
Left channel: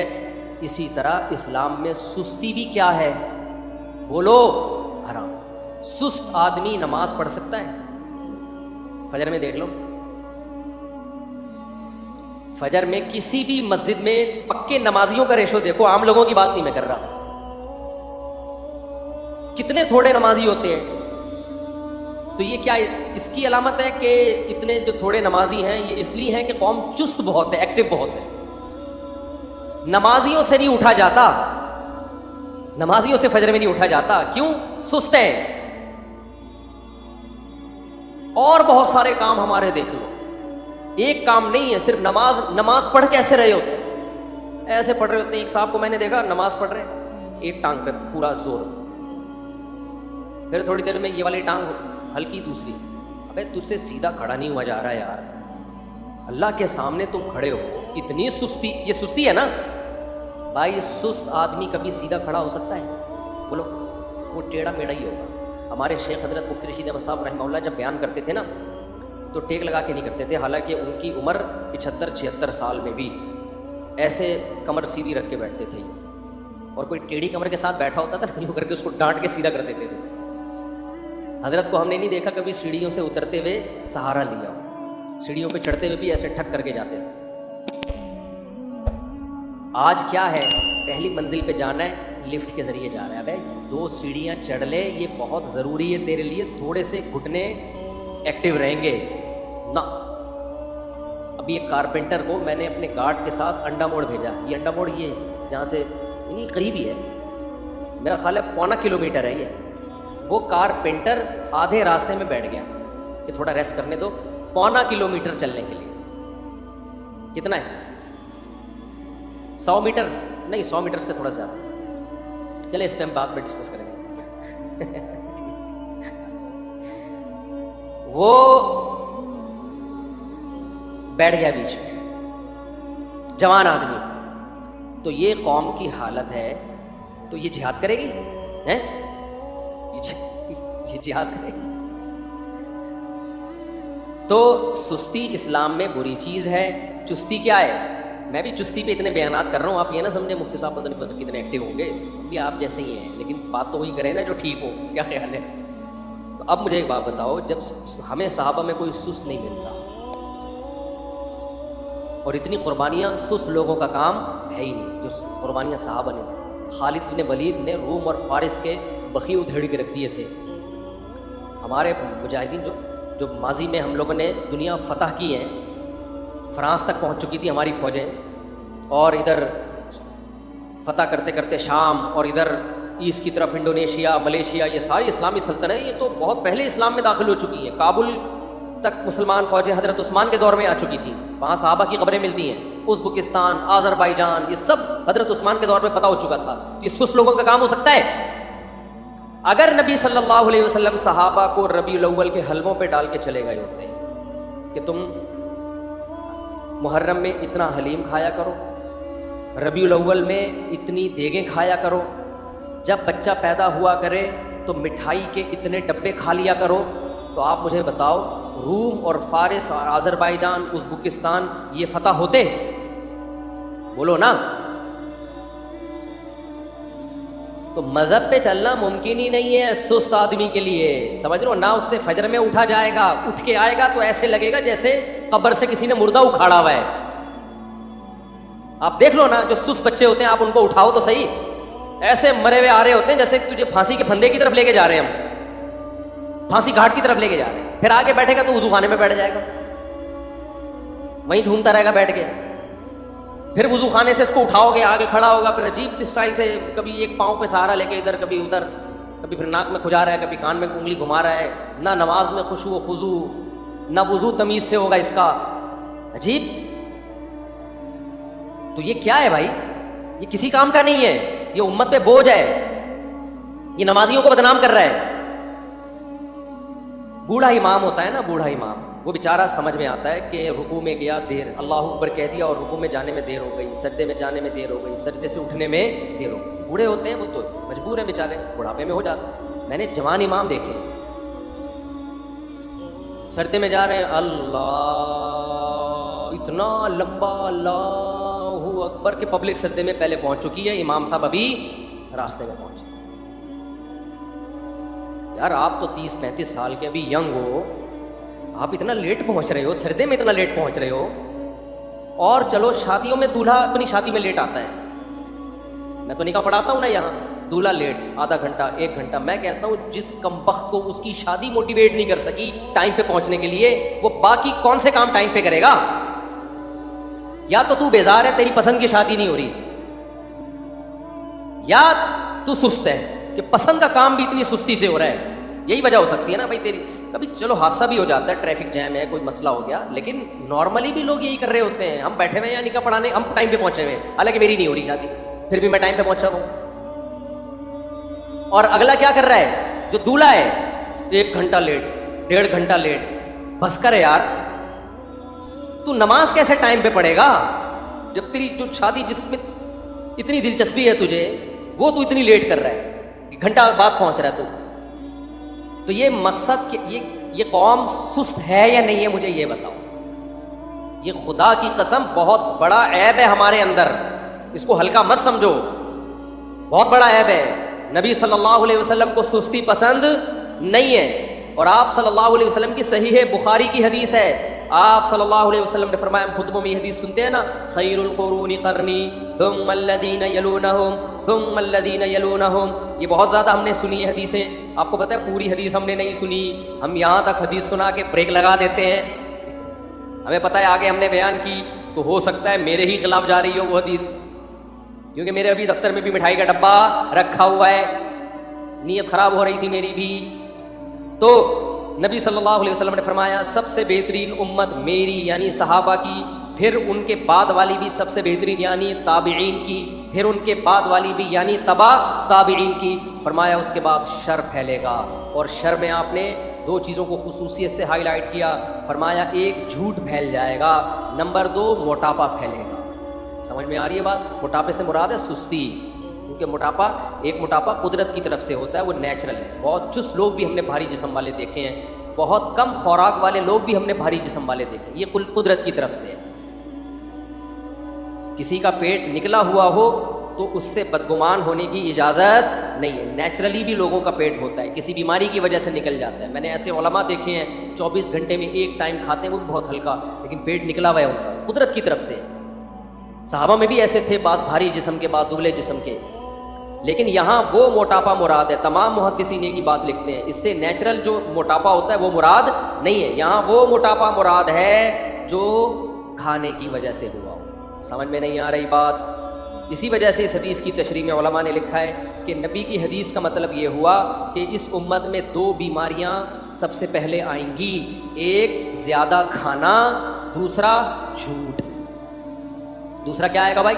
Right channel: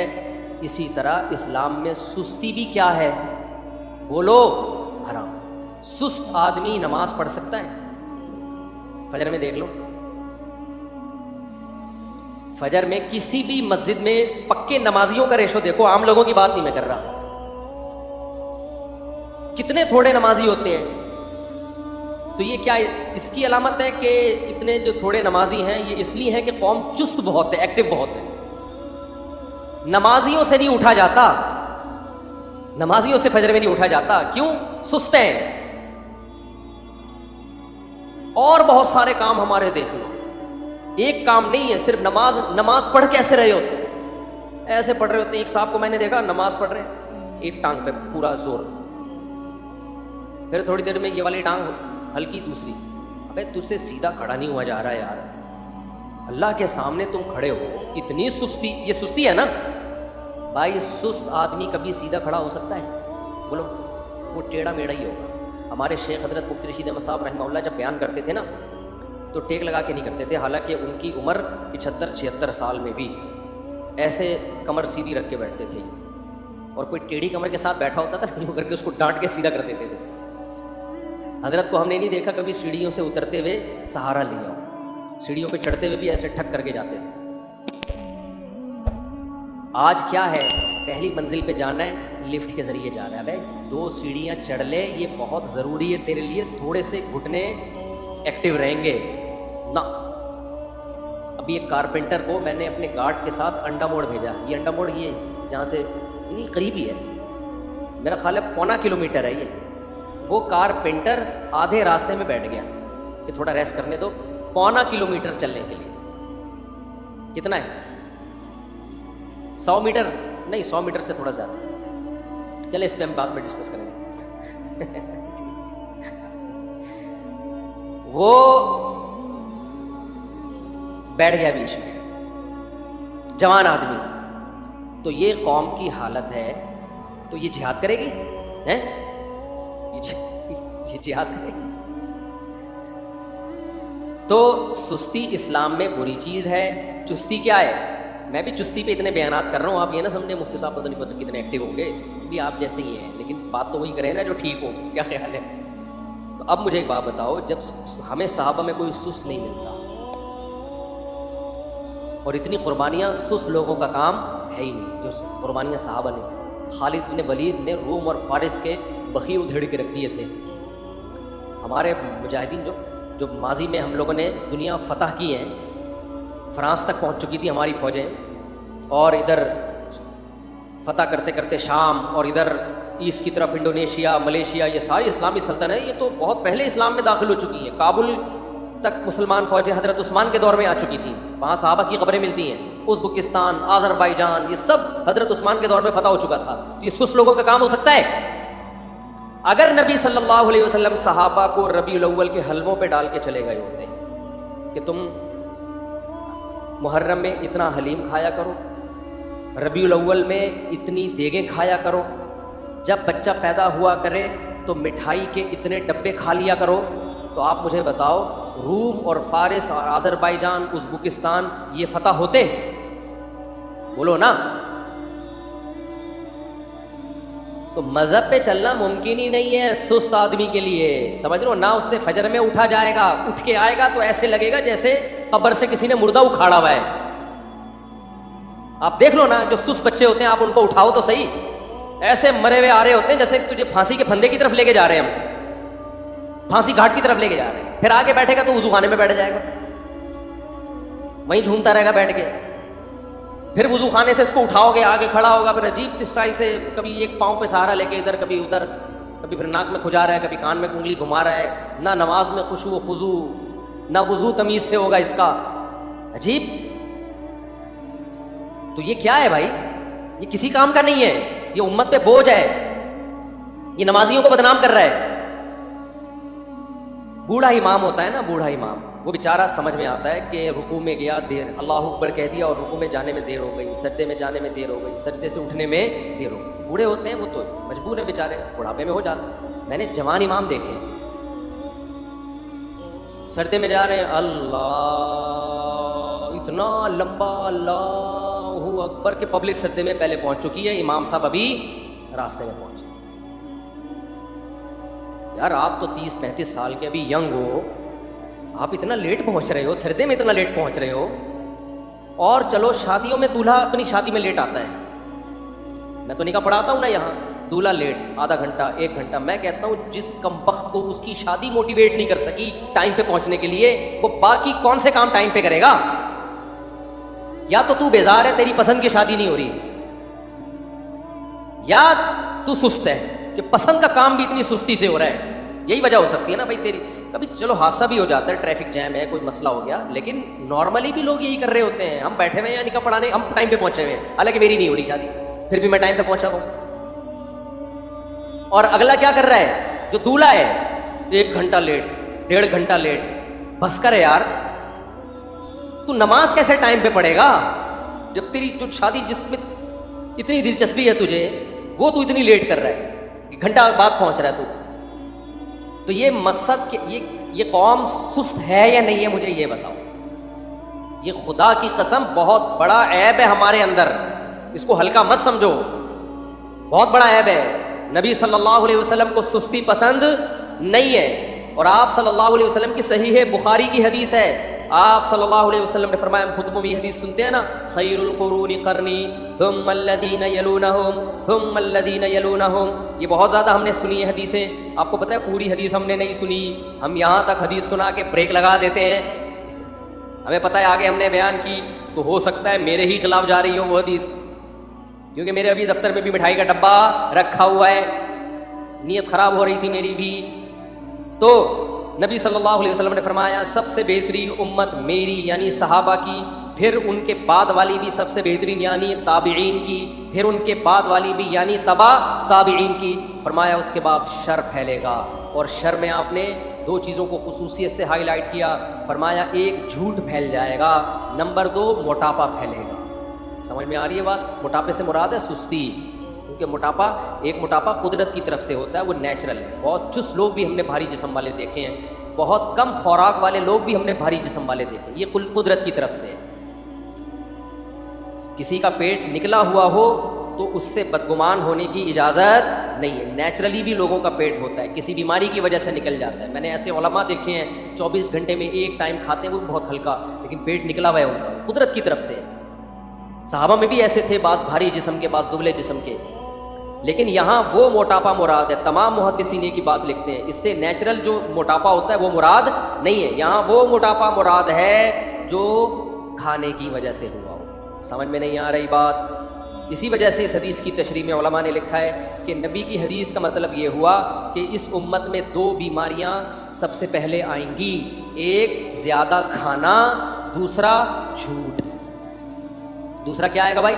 اسی طرح اسلام میں سستی بھی کیا ہے؟ بولو، حرام. سست آدمی نماز پڑھ سکتا ہے؟ فجر میں دیکھ لو، فجر میں کسی بھی مسجد میں پکے نمازیوں کا ریشو دیکھو، عام لوگوں کی بات نہیں میں کر رہا. کتنے تھوڑے نمازی ہوتے ہیں. تو یہ کیا اس کی علامت ہے کہ اتنے جو تھوڑے نمازی ہیں یہ اس لیے ہیں کہ قوم چست بہت ہے، ایکٹیو بہت ہے. نمازیوں سے نہیں اٹھا جاتا، نمازیوں سے فجر میں نہیں اٹھا جاتا. کیوں؟ سست ہے. اور بہت سارے کام ہمارے دیکھ لو، ایک کام نہیں ہے صرف نماز پڑھ کیسے رہے ہو؟ ایسے پڑھ رہے ہوتے ہیں. ایک صاحب کو میں نے دیکھا نماز پڑھ رہے، ایک ٹانگ پہ پورا زور، پھر تھوڑی دیر میں یہ والی ٹانگ ہلکی دوسری. ابے تجھ سے سیدھا کھڑا نہیں ہوا جا رہا ہے یار، اللہ کے سامنے تم کھڑے ہو، اتنی سستی. یہ سستی ہے نا بھائی. سست آدمی کبھی سیدھا کھڑا ہو سکتا ہے؟ بولو، وہ ٹیڑھا میڑھا ہی ہوگا. ہمارے شیخ حضرت مفتی رشید احمد صاحب رحمہ اللہ جب بیان کرتے تھے نا تو ٹیک لگا کے نہیں کرتے تھے، حالانکہ ان کی عمر 75-76 سال میں بھی ایسے کمر سیدھی رکھ کے بیٹھتے تھے. اور کوئی ٹیڑھی کمر کے ساتھ بیٹھا ہوتا تھا نہیں کر کے اس کو ڈانٹ کے سیدھا کر دیتے تھے. حضرت کو ہم نے نہیں دیکھا کبھی سیڑھیوں سے اترتے ہوئے سہارا لیا، سیڑھیوں پہ چڑھتے ہوئے بھی ایسے ٹھک کر کے جاتے تھے. آج کیا ہے، پہلی منزل پہ جانا ہے لفٹ کے ذریعے جا رہا ہے. 2 سیڑھیاں چڑھ لے، یہ بہت ضروری ہے تیرے لیے، تھوڑے سے گھٹنے ایکٹیو رہیں گے نا. ابھی ایک کارپینٹر کو میں نے اپنے گارڈ کے ساتھ انڈا موڑ بھیجا. یہ انڈا موڑ یہ جہاں سے یعنی قریب ہی ہے، میرا خیال ہے 0.25 کلومیٹر ہے. یہ وہ کارپینٹر آدھے راستے میں بیٹھ گیا کہ تھوڑا ریسٹ کرنے دو. 0.25 کلومیٹر چلنے کے لیے کتنا ہے؟ 100 میٹر نہیں، 100 میٹر سے تھوڑا زیادہ. چلے اس پہ ہم بعد میں ڈسکس کریں گے. وہ بیٹھ گیا بیچ میں، جوان آدمی. تو یہ قوم کی حالت ہے. تو یہ جہاد کرے گی؟ یہ جہاد کرے گی؟ تو سستی اسلام میں بری چیز ہے. چستی کیا ہے؟ میں بھی چستی پہ اتنے بیانات کر رہا ہوں، آپ یہ نہ سمجھے مفتی صاحب پتہ نہیں کتنے ایکٹیو ہوں گے، بھی آپ جیسے ہی ہیں، لیکن بات تو وہی کریں نا جو ٹھیک ہو. کیا خیال ہے؟ تو اب مجھے ایک بات بتاؤ، جب ہمیں صحابہ میں کوئی سست نہیں ملتا اور اتنی قربانیاں سست لوگوں کا کام ہے ہی نہیں جو قربانیاں صحابہ نے. خالد بن ولید نے روم اور فارس کے بخی ادھیڑ کے رکھ دیے تھے. ہمارے مجاہدین جو ماضی میں ہم لوگوں نے دنیا فتح کی ہیں، فرانس تک پہنچ چکی تھی ہماری فوجیں، اور ادھر فتح کرتے کرتے شام، اور ادھر ایسٹ کی طرف انڈونیشیا، ملیشیا، یہ ساری اسلامی سلطنتیں ہیں، یہ تو بہت پہلے اسلام میں داخل ہو چکی ہیں. کابل تک مسلمان فوجیں حضرت عثمان کے دور میں آ چکی تھیں، وہاں صحابہ کی قبریں ملتی ہیں. ازبکستان، آذربائیجان، یہ سب حضرت عثمان کے دور میں فتح ہو چکا تھا. یہ سست لوگوں کا کام ہو سکتا ہے؟ اگر نبی صلی اللہ علیہ وسلم صحابہ کو ربیع الاول کے حلقوں پہ ڈال کے چلے گئے ہوتے کہ تم محرم میں اتنا حلیم کھایا کرو، ربیع الاول میں اتنی دیگیں کھایا کرو، جب بچہ پیدا ہوا کرے تو مٹھائی کے اتنے ڈبے کھا لیا کرو، تو آپ مجھے بتاؤ روم اور فارس اور آذربائیجان، ازبکستان یہ فتح ہوتے؟ بولو نا. تو مذہب پہ چلنا ممکن ہی نہیں ہے سست آدمی کے لیے، سمجھ لو، نہ اس سے فجر میں اٹھا جائے گا، اٹھ کے آئے گا تو ایسے لگے گا جیسے قبر سے کسی نے مردہ اکھاڑا ہوا ہے۔ آپ دیکھ لو نا، جو سست بچے ہوتے ہیں آپ ان کو اٹھاؤ تو صحیح، ایسے مرے ہوئے آ رہے ہوتے ہیں جیسے تجھے پھانسی کے پھندے کی طرف لے کے جا رہے ہیں، ہم پھانسی گھاٹ کی طرف لے کے جا رہے ہیں۔ پھر آگے بیٹھے گا تو وضو خانے میں بیٹھ جائے گا، وہیں جھومتا رہے گا بیٹھ کے۔ پھر وضو خانے سے اس کو اٹھاؤ گے، آگے کھڑا ہوگا، پھر عجیب اسٹائل سے کبھی ایک پاؤں پہ سہارا لے کے ادھر کبھی ادھر، کبھی پھر ناک میں کھجا رہا ہے، کبھی کان میں انگلی گھما رہا ہے۔ نہ نماز میں خشوع خضوع، نہ وضو تمیز سے ہوگا اس کا، عجیب۔ تو یہ کیا ہے بھائی؟ یہ کسی کام کا نہیں ہے، یہ امت پہ بوجھ ہے، یہ نمازیوں کو بدنام کر رہا ہے۔ بوڑھا امام ہوتا ہے نا، بوڑھا امام، وہ بیچارہ سمجھ میں آتا ہے کہ رکوع میں گیا دیر، اللہ اکبر کہہ دیا اور رکوع میں جانے میں دیر ہو گئی، سجدے میں جانے میں دیر ہو گئی، سجدے سے اٹھنے میں دیر ہو گئی۔ بوڑھے ہوتے ہیں وہ تو مجبور ہیں بیچارے، بڑھاپے میں ہو جاتے۔ میں نے جوان امام دیکھے سجدے میں جا رہے ہیں، اللہ اتنا لمبا، اللہ اکبر کے پبلک سجدے میں پہلے پہنچ چکی ہے، امام صاحب ابھی راستے میں پہنچے۔ یار آپ تو 30-35 سال کے ابھی ینگ ہو، آپ اتنا لیٹ پہنچ رہے ہو، سردے میں اتنا لیٹ پہنچ رہے ہو۔ اور چلو شادیوں میں دولہا اپنی شادی میں لیٹ آتا ہے، میں تو نکاح پڑھاتا ہوں نا یہاں، دولہا لیٹ آدھا گھنٹہ 1 گھنٹہ، میں کہتا ہوں جس کمبخت کو اس کی شادی موٹیویٹ نہیں کر سکی ٹائم پہ پہنچنے کے لیے، وہ باقی کون سے کام ٹائم پہ کرے گا؟ یا تو بیزار ہے، تیری پسند کی شادی نہیں ہو رہی، یا تو سست ہے کہ پسند کا کام بھی اتنی سستی سے ہو رہا ہے۔ یہی وجہ ہو سکتی ہے نا بھائی تیری۔ کبھی چلو حادثہ بھی ہو جاتا ہے، ٹریفک جیم ہے، کوئی مسئلہ ہو گیا، لیکن نارملی بھی لوگ یہی کر رہے ہوتے ہیں، ہم بیٹھے ہوئے ہیں نکاح پڑھانے، ہم ٹائم پہ پہنچے ہوئے ہیں، حالانکہ میری نہیں ہو رہی شادی، پھر بھی میں ٹائم پہ پہنچا ہوں۔ اور اگلا کیا کر رہا ہے؟ جو دولہا ہے 1 گھنٹہ لیٹ، 1.5 گھنٹہ لیٹ۔ بس کر یار، تو نماز کیسے ٹائم پہ پڑھے گا جب تیری جو شادی جس میں اتنی دلچسپی ہے تجھے، وہ تو اتنی لیٹ کر رہا ہے، گھنٹہ بعد پہنچ رہا ہے تو یہ مقصد، یہ قوم سست ہے یا نہیں ہے؟ مجھے یہ بتاؤ۔ یہ خدا کی قسم بہت بڑا عیب ہے ہمارے اندر، اس کو ہلکا مت سمجھو، بہت بڑا عیب ہے۔ نبی صلی اللہ علیہ وسلم کو سستی پسند نہیں ہے، اور آپ صلی اللہ علیہ وسلم کی صحیح بخاری کی حدیث ہے، آپ صلی اللہ علیہ وسلم نے فرمایا، ہم خطبوں میں یہ حدیث سنتے ہیں نا، خیر القرون قرنی ثم الذین یلونہم ثم الذین یلونہم، یہ بہت زیادہ ہم نے سنی ہے حدیثیں۔ آپ کو پتہ ہے پوری حدیث ہم نے نہیں سنی، ہم یہاں تک حدیث سنا کے بریک لگا دیتے ہیں، ہمیں پتہ ہے آگے ہم نے بیان کی تو ہو سکتا ہے میرے ہی خلاف جا رہی ہو وہ حدیث، کیونکہ میرے ابھی دفتر میں بھی مٹھائی کا ڈبہ رکھا ہوا ہے، نیت خراب ہو رہی تھی میری بھی۔ تو نبی صلی اللہ علیہ وسلم نے فرمایا، سب سے بہترین امت میری یعنی صحابہ کی، پھر ان کے بعد والی بھی سب سے بہترین یعنی تابعین کی، پھر ان کے بعد والی بھی یعنی تبع تابعین کی۔ فرمایا اس کے بعد شر پھیلے گا، اور شر میں آپ نے 2 چیزوں کو خصوصیت سے ہائی لائٹ کیا، فرمایا 1 جھوٹ پھیل جائے گا، نمبر 2 موٹاپا پھیلے گا۔ سمجھ میں آ رہی ہے بات؟ موٹاپے سے مراد ہے سستی، کیونکہ موٹاپا قدرت کی طرف سے ہوتا ہے، وہ نیچرل ہے۔ بہت چست لوگ بھی ہم نے بھاری جسم والے دیکھے ہیں، بہت کم خوراک والے لوگ بھی ہم نے بھاری جسم والے دیکھے، یہ کل قدرت کی طرف سے ہے۔ کسی کا پیٹ نکلا ہوا ہو تو اس سے بدگمان ہونے کی اجازت نہیں ہے، نیچرلی بھی لوگوں کا پیٹ ہوتا ہے، کسی بیماری کی وجہ سے نکل جاتا ہے۔ میں نے ایسے علماء دیکھے ہیں 24 گھنٹے میں 1 ٹائم کھاتے ہیں، وہ بہت ہلکا، لیکن پیٹ نکلا ہوا ہے ان کا، قدرت کی طرف سے۔ صحابہ میں بھی ایسے تھے، بعض بھاری جسم کے، بعض دبلے جسم کے، لیکن یہاں وہ موٹاپا مراد ہے۔ تمام محدثین کی بات لکھتے ہیں، اس سے نیچرل جو موٹاپا ہوتا ہے وہ مراد نہیں ہے، یہاں وہ موٹاپا مراد ہے جو کھانے کی وجہ سے ہوا ہو۔ سمجھ میں نہیں آ رہی بات؟ اسی وجہ سے اس حدیث کی تشریح میں علماء نے لکھا ہے کہ نبی کی حدیث کا مطلب یہ ہوا کہ اس امت میں 2 بیماریاں سب سے پہلے آئیں گی، ایک زیادہ کھانا، دوسرا جھوٹ۔ دوسرا کیا آئے گا بھائی؟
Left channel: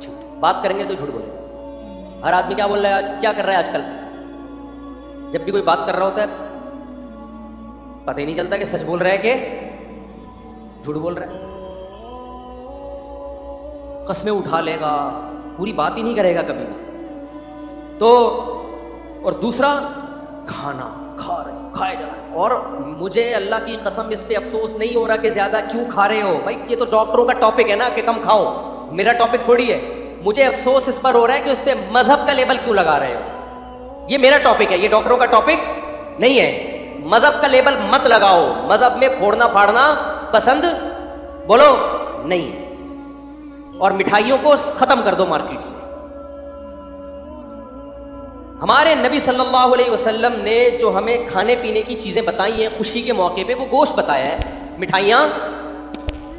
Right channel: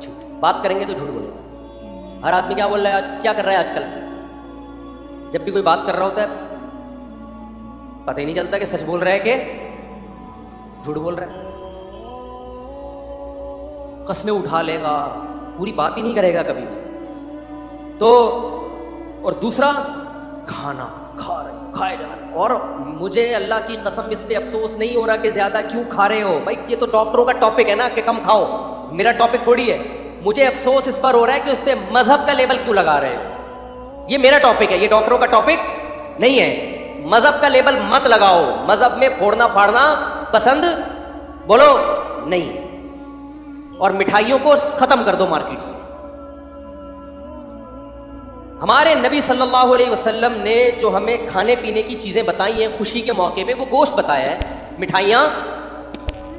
جھوٹ۔ بات کریں گے تو جھوٹ بولے گا۔ ہر آدمی کیا بول رہا ہے، کیا کر رہا ہے آج کل؟ جب بھی کوئی بات کر رہا ہوتا ہے پتہ ہی نہیں چلتا کہ سچ بول رہا ہے کہ جھوٹ بول رہا ہے۔ قسمیں اٹھا لے گا، پوری بات ہی نہیں کرے گا کبھی بھی۔ تو اور دوسرا کھانا، کھائے جا رہے ہیں، اور مجھے اللہ کی قسم اس پہ افسوس نہیں ہو رہا کہ زیادہ کیوں کھا رہے ہو۔ بھائی یہ تو ڈاکٹروں کا ٹاپک ہے نا کہ کم کھاؤ، میرا ٹاپک تھوڑی ہے۔ مجھے افسوس اس پر ہو رہا ہے کہ اس پہ مذہب کا لیبل کیوں لگا رہے ہیں. یہ میرا ٹاپک ہے, یہ ڈاکٹروں کا ٹاپک نہیں ہے. مذہب کا لیبل مت لگاؤ, مذہب میں پھوڑنا پھاڑنا پسند بولو نہیں. اور مٹھائیوں کو ختم کر دو مارکیٹ سے. ہمارے نبی صلی اللہ علیہ وسلم نے جو ہمیں کھانے پینے کی چیزیں بتائی ہیں خوشی کے موقع پہ, وہ گوشت بتایا ہے, مٹھائیاں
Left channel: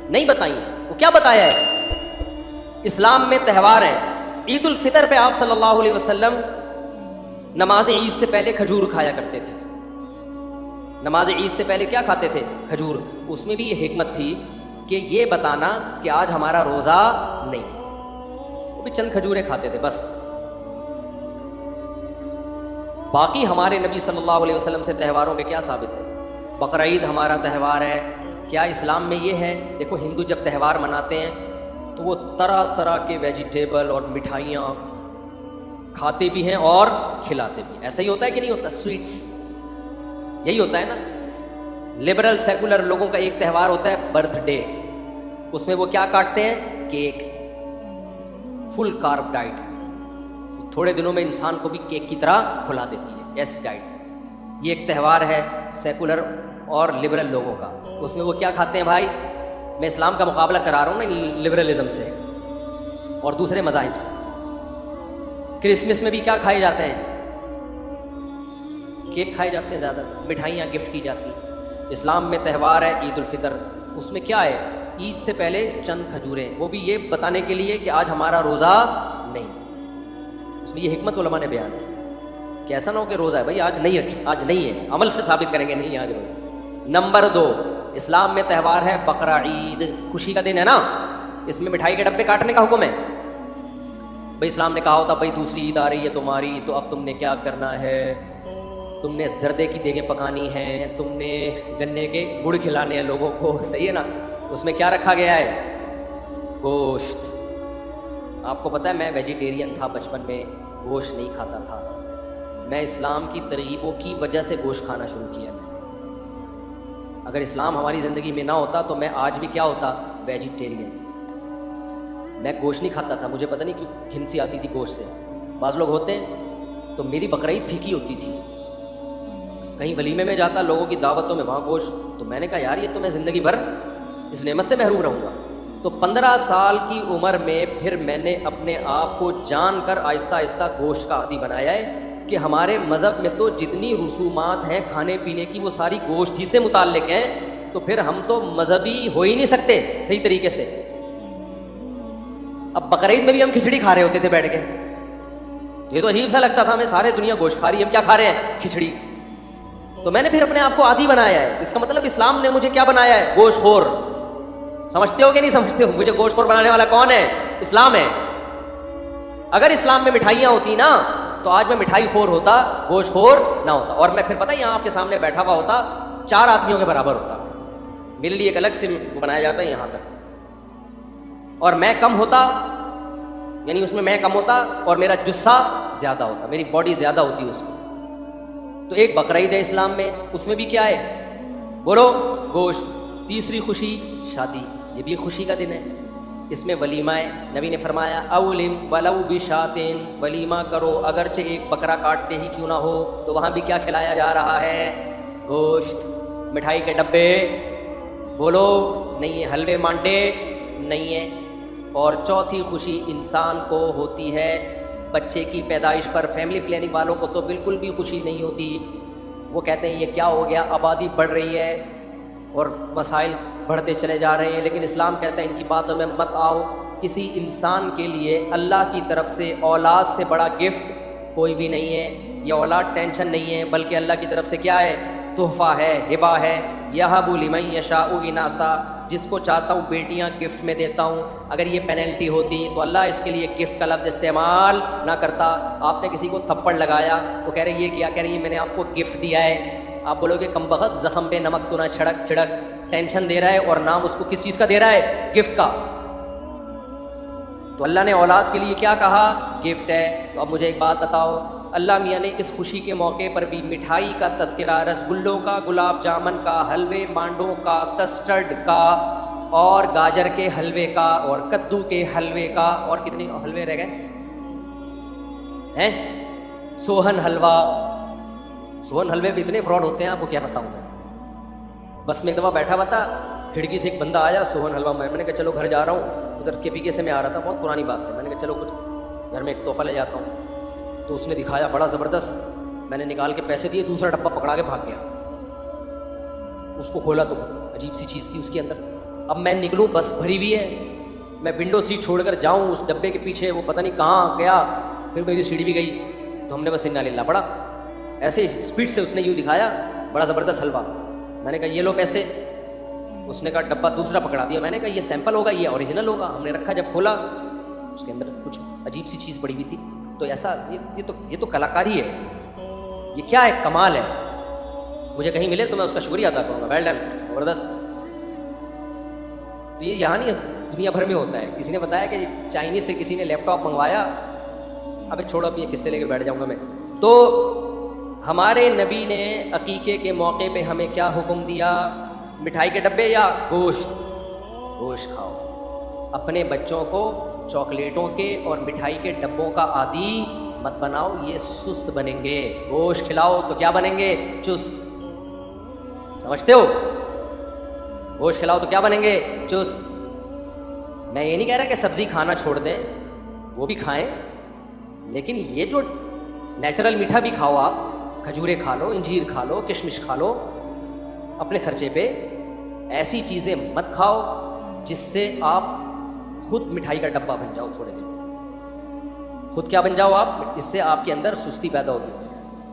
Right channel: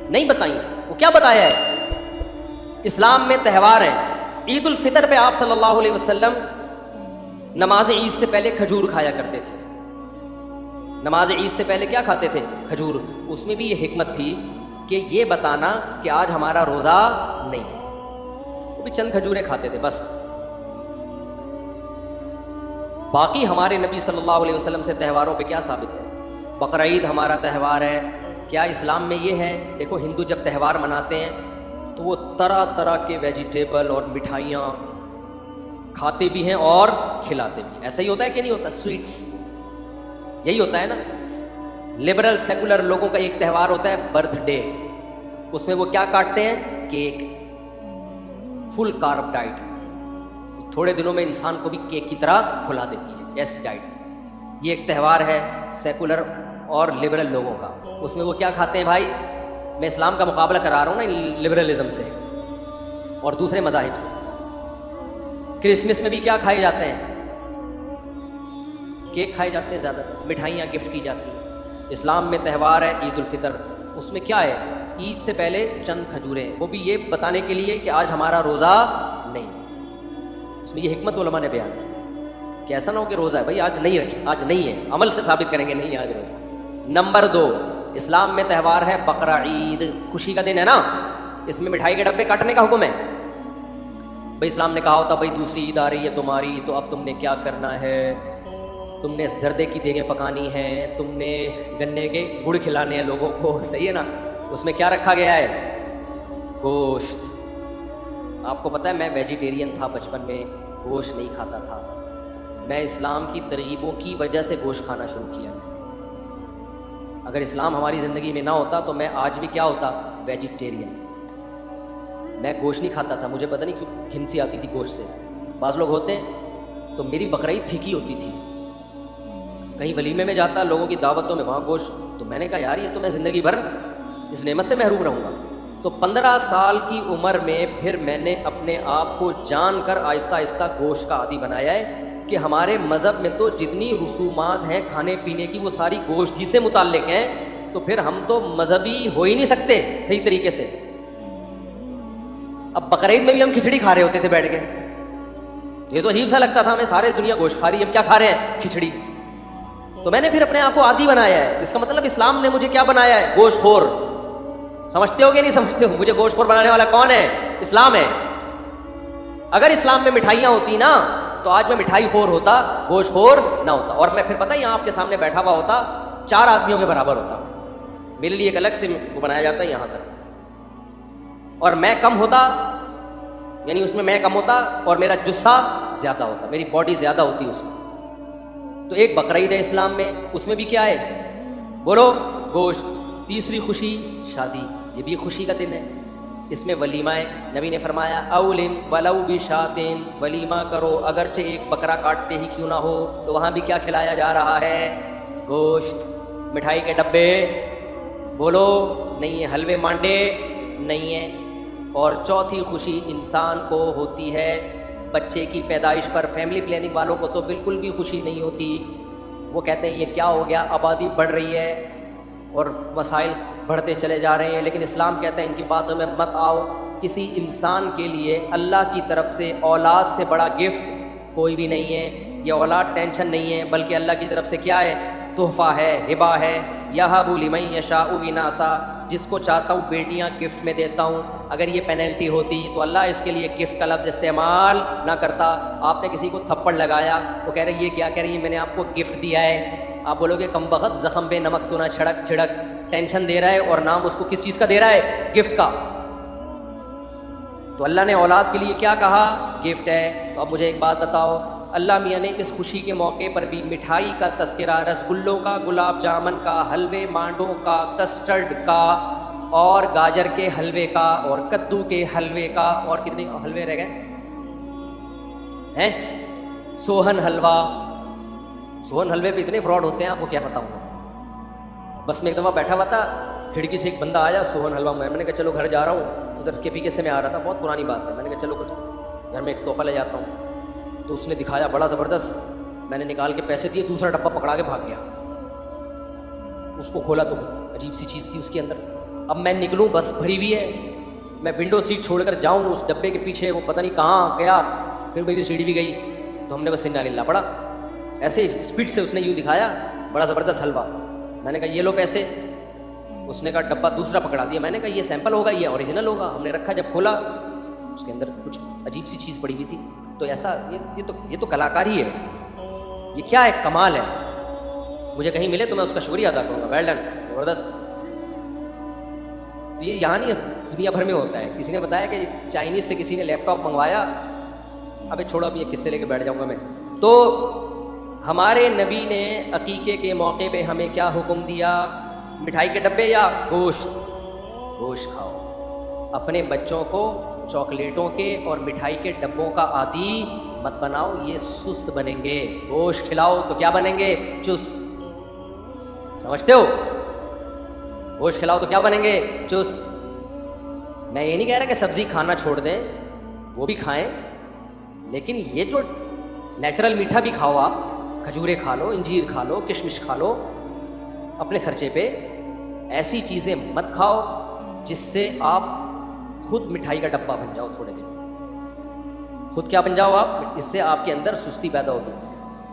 نہیں بتائی ہیں. وہ کیا بتایا ہے؟ اسلام میں تہوار ہے. عید الفطر پہ آپ صلی اللہ علیہ وسلم نماز عید سے پہلے کھجور کھایا کرتے تھے. نماز عید سے پہلے کیا کھاتے تھے؟ کھجور. اس میں بھی یہ حکمت تھی کہ یہ بتانا کہ آج ہمارا روزہ نہیں ہے. وہ بھی چند کھجوریں کھاتے تھے بس. باقی ہمارے نبی صلی اللہ علیہ وسلم سے تہواروں کے کیا ثابت ہے؟ بقرعید ہمارا تہوار ہے. کیا اسلام میں یہ ہے؟ دیکھو ہندو جب تہوار مناتے ہیں تو وہ طرح طرح کے ویجیٹیبل اور مٹھائیاں کھاتے بھی ہیں اور کھلاتے بھی. ایسا ہی ہوتا ہے کہ نہیں ہوتا؟ سویٹس یہی ہوتا ہے نا. لبرل سیکولر لوگوں کا ایک تہوار ہوتا ہے برتھ ڈے. اس میں وہ کیا کاٹتے ہیں؟ کیک. فل کارب ڈائٹ. تھوڑے دنوں میں انسان کو بھی کیک کی طرح کھلا دیتی ہے, ایسی ڈائٹ. یہ ایک تہوار ہے سیکولر اور لبرل لوگوں کا. اس میں وہ کیا کھاتے ہیں بھائی؟ میں اسلام کا مقابلہ کرا رہا ہوں نا لبرلزم سے اور دوسرے مذاہب سے. کرسمس میں بھی کیا کھائے جاتے ہیں؟ کیک کھائے جاتے ہیں زیادہ تر, مٹھائیاں گفٹ کی جاتی ہیں. اسلام میں تہوار ہے عید الفطر. اس میں کیا ہے؟ عید سے پہلے چند کھجوریں, وہ بھی یہ بتانے کے لیے کہ آج ہمارا روزہ نہیں. اس میں یہ حکمت علماء نے بیان کی کہ ایسا نہ ہو کہ روزہ ہے بھائی آج نہیں رکھے, آج نہیں ہے, عمل سے ثابت کریں گے نہیں ہے آج روزہ. نمبر 2, اسلام میں تہوار ہے بقرعید. خوشی کا دن ہے نا, اس میں مٹھائی کے ڈبے کاٹنے کا حکم ہے. بھائی اسلام نے کہا ہوتا بھائی دوسری عید آ رہی ہے تمہاری, تو اب تم نے کیا کرنا ہے؟ تم نے زردے کی دیگیں پکانی ہیں, تم نے گنے کے گڑ کھلانے ہیں لوگوں کو, صحیح ہے نا. اس میں کیا رکھا گیا ہے؟ گوشت. آپ کو پتہ ہے میں ویجیٹیرین تھا بچپن میں, گوشت نہیں کھاتا تھا. میں اسلام کی ترغیبوں کی وجہ سے گوشت کھانا شروع کیا. اگر اسلام ہماری زندگی میں نہ ہوتا تو میں آج بھی کیا ہوتا؟ ویجیٹیرین. میں گوشت نہیں کھاتا تھا, مجھے پتہ نہیں کیوں گھن سی آتی تھی گوشت سے. بعض لوگ ہوتے ہیں تو میری بقرعید پھیکی ہوتی تھی. کہیں ولیمے میں جاتا لوگوں کی دعوتوں میں, وہاں گوشت, تو میں نے کہا یار یہ تو میں زندگی بھر اس نعمت سے محروم رہوں گا. تو 15 سال کی عمر میں پھر میں نے اپنے آپ کو جان کر آہستہ آہستہ گوشت کا عادی بنایا ہے کہ ہمارے مذہب میں تو جتنی رسومات ہیں کھانے پینے کی وہ ساری گوشت ہی سے متعلق ہیں. تو پھر ہم تو مذہبی ہو ہی نہیں سکتے صحیح طریقے سے. اب بقرعید میں بھی ہم کھچڑی کھا رہے ہوتے تھے بیٹھ کے, یہ تو عجیب سا لگتا تھا, ہمیں سارے دنیا گوشت کھا رہی ہے, ہم کیا کھا رہے ہیں؟ کھچڑی. تو میں نے پھر اپنے آپ کو عادی بنایا ہے. اس کا مطلب اسلام نے مجھے کیا بنایا ہے؟ گوشت خور. سمجھتے ہو کہ نہیں سمجھتے ہو؟ مجھے گوشت خور بنانے والا کون ہے؟ اسلام ہے. اگر اسلام میں مٹھائیاں ہوتی نا تو آج میں مٹھائی خور ہوتا, گوشت خور نہ ہوتا. اور میں پھر پتہ ہے یہاں آپ کے سامنے بیٹھا ہوا ہوتا 4 آدمیوں کے برابر ہوتا. میرے لیے ایک الگ سے بنایا جاتا ہے یہاں تک, اور میں کم ہوتا, یعنی اس میں میں کم ہوتا اور میرا جسہ زیادہ ہوتا, میری باڈی زیادہ ہوتی اس میں. تو ایک بقرعید ہے اسلام میں, اس میں بھی کیا ہے؟ بولو گوشت. تیسری خوشی شادی, یہ بھی خوشی کا دن ہے. اس میں ولیمہ ہے. نبی نے فرمایا اولن ولو بشاتین, ولیمہ کرو اگرچہ ایک بکرا کاٹتے ہی کیوں نہ ہو. تو وہاں بھی کیا کھلایا جا رہا ہے؟ گوشت. مٹھائی کے ڈبے بولو نہیں ہے, حلوے مانڈے نہیں ہے. اور چوتھی خوشی انسان کو ہوتی ہے بچے کی پیدائش پر. فیملی پلاننگ والوں کو تو بالکل بھی خوشی نہیں ہوتی. وہ کہتے ہیں یہ کیا ہو گیا, آبادی بڑھ رہی ہے اور وسائل بڑھتے چلے جا رہے ہیں. لیکن اسلام کہتا ہے ان کی باتوں میں مت آؤ. کسی انسان کے لیے اللہ کی طرف سے اولاد سے بڑا گفٹ کوئی بھی نہیں ہے. یہ اولاد ٹینشن نہیں ہے, بلکہ اللہ کی طرف سے کیا ہے؟ تحفہ ہے, ہبہ ہے. یہب لمن یشاء اناثا, جس کو چاہتا ہوں بیٹیاں گفٹ میں دیتا ہوں. اگر یہ پینلٹی ہوتی تو اللہ اس کے لیے گفٹ کا لفظ استعمال نہ کرتا. آپ نے کسی کو تھپڑ لگایا تو کہہ رہے یہ کیا, کہہ رہے یہ میں نے آپ کو گفٹ دیا ہے. آپ بولو گے کم بخت زخم پہ نمک تو نہ چھڑک چھڑک, ٹینشن دے رہا ہے اور نام اس کو کس چیز کا دے رہا ہے؟ گفٹ کا. تو اللہ نے اولاد کے لیے کیا کہا؟ گفٹ ہے. تو اب مجھے ایک بات بتاؤ, اللہ میاں نے اس خوشی کے موقع پر بھی مٹھائی کا تذکرہ, رسگلوں کا, گلاب جامن کا, حلوے مانڈوں کا, کسٹرڈ کا, اور گاجر کے حلوے کا اور کدو کے حلوے کا، اور کتنے حلوے رہ گئے ہیں، سوہن حلوہ. سوہن حلوے پہ اتنے فراڈ ہوتے ہیں آپ کو کیا بتاؤں میں. بس میں ایک دفعہ بیٹھا ہوا تھا، کھڑکی سے ایک بندہ آیا، سوہن حلوہ. میں نے کہا چلو گھر جا رہا ہوں، ادھر کے پی کے سے میں آ رہا تھا، بہت پرانی بات ہے. میں نے کہا چلو کچھ گھر میں ایک تحفہ لے جاتا ہوں. تو اس نے دکھایا بڑا زبردست. میں نے نکال کے پیسے دیے، دوسرا ڈبہ پکڑا کے بھاگ گیا. اس کو کھولا تو عجیب سی چیز تھی اس کے اندر. اب میں نکلوں، بس بھری ہوئی ہے، میں ونڈو سیٹ چھوڑ کر جاؤں اس ڈبے کے پیچھے، وہ پتہ نہیں کہاں گیا. پھر میری سیڑھی بھی گئی، تو ہم نے بس انا للہ پڑا. ایسے اسپیڈ سے اس نے یوں دکھایا بڑا زبردست حلوہ. میں نے کہا یہ لو پیسے. اس نے کہا ڈبہ دوسرا پکڑا دیا. میں نے کہا یہ سیمپل ہوگا، یہ اوریجنل ہوگا. ہم نے رکھا، جب کھولا اس کے اندر کچھ عجیب سی چیز پڑی ہوئی تھی. تو ایسا یہ تو کلاکاری ہے، یہ کیا ہے، کمال ہے. مجھے کہیں ملے تو میں اس کا شکریہ ادا کروں گا. ویل ڈن، زبردست. تو یہ یہاں نہیں، دنیا بھر میں ہوتا ہے. کسی نے بتایا کہ چائنیز سے کسی نے لیپ ٹاپ منگوایا. ابھی چھوڑو، ابھی یہ قصے لے کے بیٹھ جاؤں گا میں. تو ہمارے نبی نے عقیقے کے موقع پہ ہمیں کیا حکم دیا؟ مٹھائی کے ڈبے یا گوشت؟ گوشت کھاؤ. اپنے بچوں کو چاکلیٹوں کے اور مٹھائی کے ڈبوں کا عادی مت بناؤ، یہ سست بنیں گے. گوشت کھلاؤ تو کیا بنیں گے؟ چست. سمجھتے ہو؟ گوشت کھلاؤ تو کیا بنیں گے؟ چست. میں یہ نہیں کہہ رہا کہ سبزی کھانا چھوڑ دیں، وہ بھی کھائیں، لیکن یہ جو نیچرل میٹھا بھی کھاؤ. آپ کھجوریں کھا لو، انجیر کھا لو، کشمش کھا لو اپنے خرچے پہ. ایسی چیزیں مت کھاؤ جس سے آپ خود مٹھائی کا ڈبہ بن جاؤ. تھوڑے دن خود کیا بن جاؤ آپ، اس سے آپ کے اندر سستی پیدا ہوگی.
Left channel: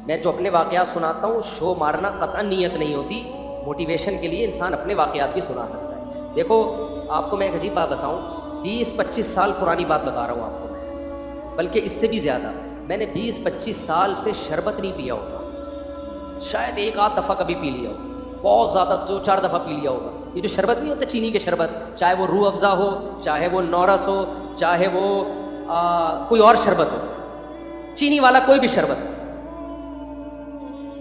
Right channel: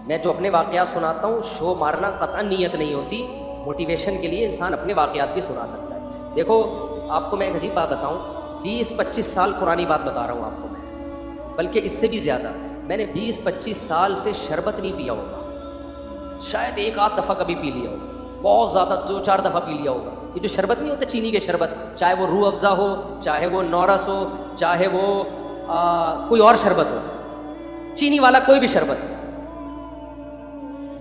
میں جو اپنے واقعات سناتا ہوں، شو مارنا قطعا نیت نہیں ہوتی. موٹیویشن کے لیے انسان اپنے واقعات بھی سنا سکتا ہے. دیکھو آپ کو میں ایک عجیب بات بتاؤں، 20-25 سال پرانی بات بتا رہا ہوں آپ کو میں، بلکہ اس سے بھی زیادہ. میں نے 20-25 سال سے شربت نہیں پیا ہوگا، شاید ایک آدھ دفعہ کبھی پی لیا ہوگا، بہت زیادہ 2-4 دفعہ پی لیا ہوگا. یہ جو شربت نہیں ہوتا چینی کے شربت، چاہے وہ روح افزا ہو، چاہے وہ نورس ہو، چاہے وہ کوئی اور شربت ہو، چینی والا کوئی بھی شربت.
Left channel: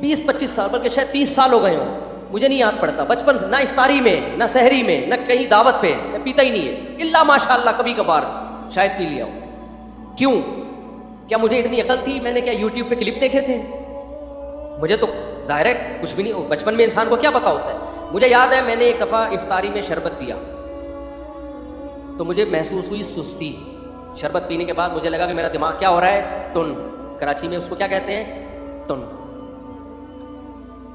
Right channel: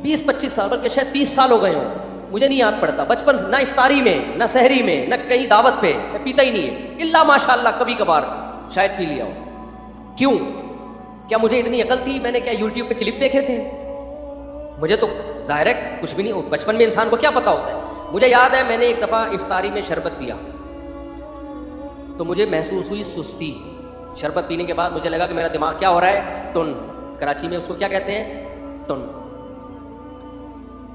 20-25 سال، بلکہ شاید 30 سال ہو گئے ہوں، مجھے نہیں یاد پڑتا. بچپن سے نہ افطاری میں، نہ سحری میں، نہ کہیں دعوت پہ میں پیتا ہی نہیں ہے، الا ماشاء اللہ کبھی کبھار شاید پی لیا ہو. کیوں؟ کیا مجھے اتنی عقل تھی؟ میں نے کیا یوٹیوب پہ کلپ دیکھے تھے؟ مجھے تو ظاہر ہے کچھ بھی نہیں. بچپن میں انسان کو کیا پتا ہوتا ہے. مجھے یاد ہے میں نے ایک دفعہ افطاری میں شربت پیا تو مجھے محسوس ہوئی سستی. شربت پینے کے بعد مجھے لگا کہ میرا دماغ کیا ہو رہا ہے، ٹن. کراچی میں اس کو کیا کہتے ہیں؟ ٹن.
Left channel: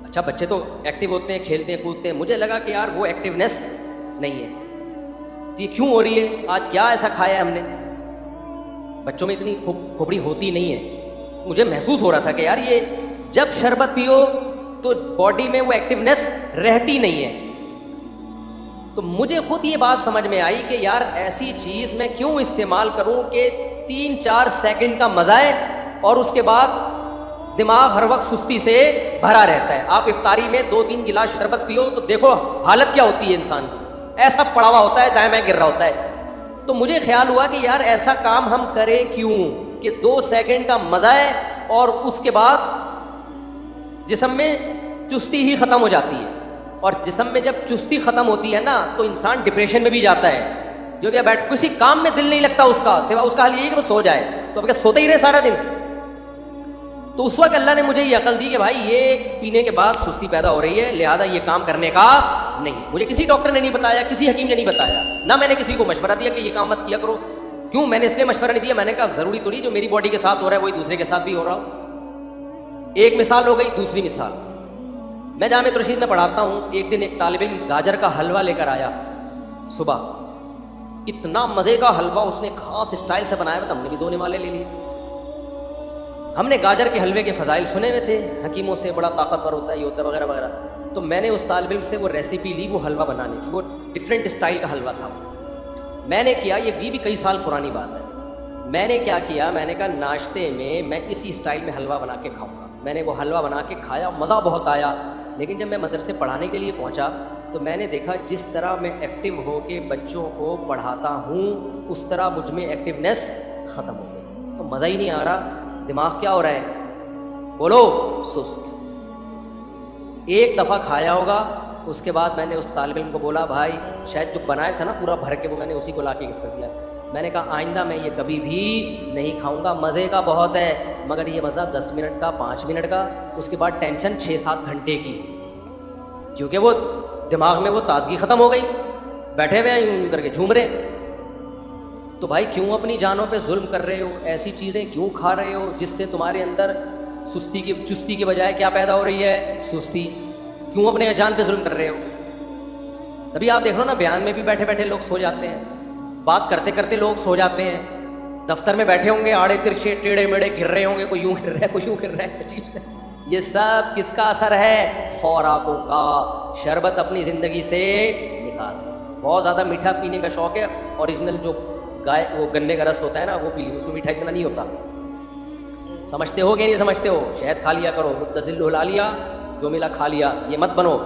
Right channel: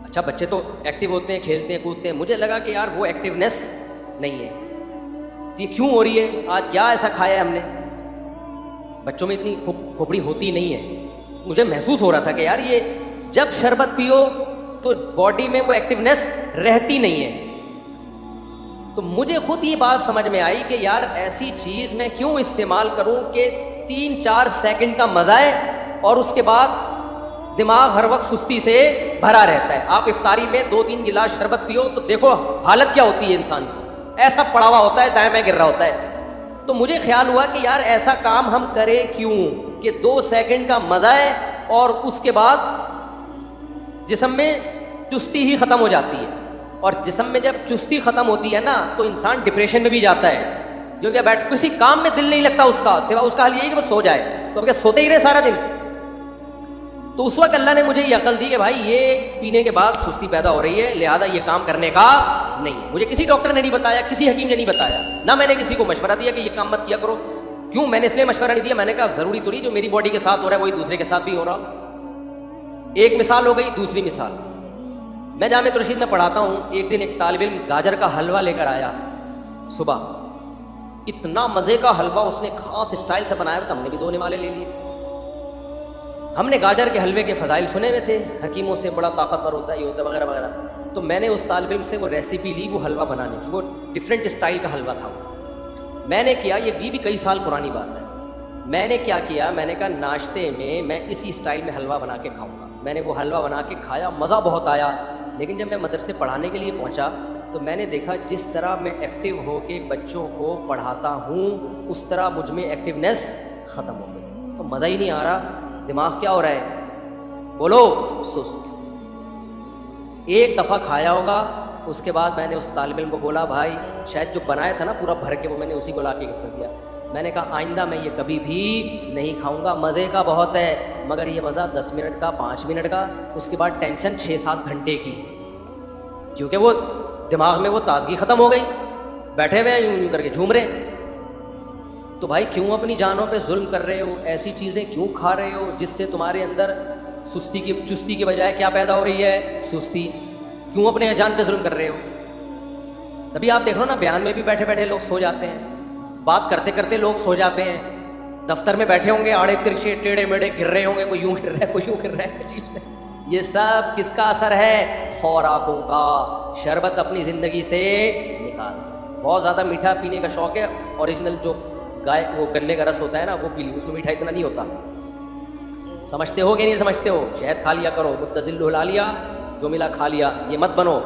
اچھا بچے تو ایکٹیو ہوتے ہیں، کھیلتے ہیں، کودتے ہیں. مجھے لگا کہ یار وہ ایکٹیونیس نہیں ہے. تو یہ کیوں ہو رہی ہے؟ آج کیا ایسا کھایا ہم نے؟ بچوں میں اتنی کھوپڑی ہوتی نہیں ہے. مجھے محسوس ہو رہا تھا کہ یار یہ جب شربت پیو تو باڈی میں وہ ایکٹیونیس رہتی نہیں ہے. تو مجھے خود یہ بات سمجھ میں آئی کہ یار ایسی چیز میں کیوں استعمال کروں کہ 3-4 سیکنڈ کا مزہ ہے اور اس کے بعد دماغ ہر وقت سستی سے بھرا رہتا ہے. آپ افطاری میں 2-3 گلاس شربت پیو تو دیکھو حالت کیا ہوتی ہے انسان کی. ایسا پڑا ہوا ہوتا ہے، دائیں بائیں گر رہا ہوتا ہے. تو مجھے خیال ہوا کہ یار ایسا کام ہم کریں کیوں کہ 2 سیکنڈ کا مزہ ہے اور اس کے بعد جسم میں چستی ہی ختم ہو جاتی ہے. اور جسم میں جب چستی ختم ہوتی ہے نا تو انسان ڈپریشن میں بھی جاتا ہے، کیونکہ بیٹھ کسی کام میں دل نہیں لگتا اس کا، سوا اس کا حل یہی کہ وہ سو جائے. تو اب کیا سوتے ہی رہے سارا دن؟ تو اس وقت اللہ نے مجھے یہ عقل دی کہ بھائی یہ پینے کے بعد سستی پیدا ہو رہی ہے، لہذا یہ کام کرنے کا نہیں. مجھے کسی ڈاکٹر نے نہیں بتایا، کسی حکیم نے نہیں بتایا، نہ میں نے کسی کو مشورہ دیا کہ یہ کام مت کیا کرو. کیوں؟ میں نے اس لیے مشورہ نہیں دیا، میں نے کہا ضروری تو نہیں جو میری باڈی کے ساتھ ہو رہا ہے وہی دوسرے کے ساتھ بھی ہو رہا ہو. ایک مثال ہو گئی. دوسری مثال، میں جامعۃ الرشید میں پڑھاتا ہوں. ایک دن ایک طالب علم گاجر کا حلوہ لے کر آیا صبح. اتنا مزے کا حلوہ اس نے خاص اسٹائل سے بنایا تھا، ہم نے بھی 2 نوالے لے لیے. ہم نے گاجر کے حلوے کے فضائل سنے ہوئے تھے، حکیموں سے بڑا طاقتور ہوتا ہے، یہ ہوتا ہے وغیرہ وغیرہ. تو میں نے اس طالب علم سے وہ ریسیپی لی، وہ حلوہ بنانے کی. وہ ڈفرینٹ اسٹائل کا حلوہ تھا. میں نے کیا، یہ بھی کئی سال پرانی بات ہے. میں نے کیا کیا، میں نے کہا ناشتے میں اسی اسٹائل میں حلوہ بنا کے کھاؤں گا. میں نے وہ حلوہ بنا کے کھایا، مزہ بہت آیا. لیکن جب میں مدرسے پڑھانے کے لیے پہنچا تو میں نے دیکھا جس طرح میں ایکٹیو ہو کے بچوں کو پڑھاتا ہوں اس طرح مجھ میں ایکٹیونیس ختم ہو گئی. تو مزہ ہی نہیں آ رہا. دماغ کیا ہو رہا ہے؟ بولو، سست. ایک دفعہ کھایا ہوگا اس کے بعد میں نے اس طالب علم کو بولا بھائی شاید جو بنایا تھا نا پورا بھر کے وہ میں نے اسی کو لا کے گفٹ کر دیا. میں نے کہا آئندہ میں یہ کبھی بھی نہیں کھاؤں گا, مزے کا بہت ہے مگر یہ مزہ 10 منٹ کا 5 منٹ کا, اس کے بعد ٹینشن 6-7 گھنٹے کی, کیونکہ وہ دماغ میں وہ تازگی ختم ہو گئی, بیٹھے ہوئے یوں کر کے جھوم رہے. تو بھائی کیوں اپنی جانوں پہ ظلم کر رہے ہو, ایسی چیزیں کیوں کھا رہے ہو جس سے تمہارے اندر چستی کے بجائے کیا پیدا ہو رہی ہے, سستی. کیوں اپنے جان پہ ظلم کر رہے ہو؟ تبھی آپ دیکھ لو نا بیان میں بھی بیٹھے بیٹھے لوگ سو جاتے ہیں, بات کرتے کرتے لوگ سو جاتے ہیں, دفتر میں بیٹھے ہوں گے آڑے ترچھے ٹیڑھے میڑے گر رہے ہوں گے, کوئی یوں گر رہا ہے کوئی یوں گر رہا ہے, عجیب سے. یہ سب کس کا اثر ہے؟ خوراکوں کا. شربت اپنی زندگی سے نکال. بہت زیادہ میٹھا پینے کا شوق ہے, اوریجنل جو گائے وہ گنے کا رس ہوتا ہے نا وہ پی لی, اس میں میٹھا اتنا نہیں ہوتا. سمجھتے ہو کہ نہیں سمجھتے ہو؟ شہد کھا لیا کرو, متزل لا لیا, جو ملا کھا لیا, یہ مت بنو.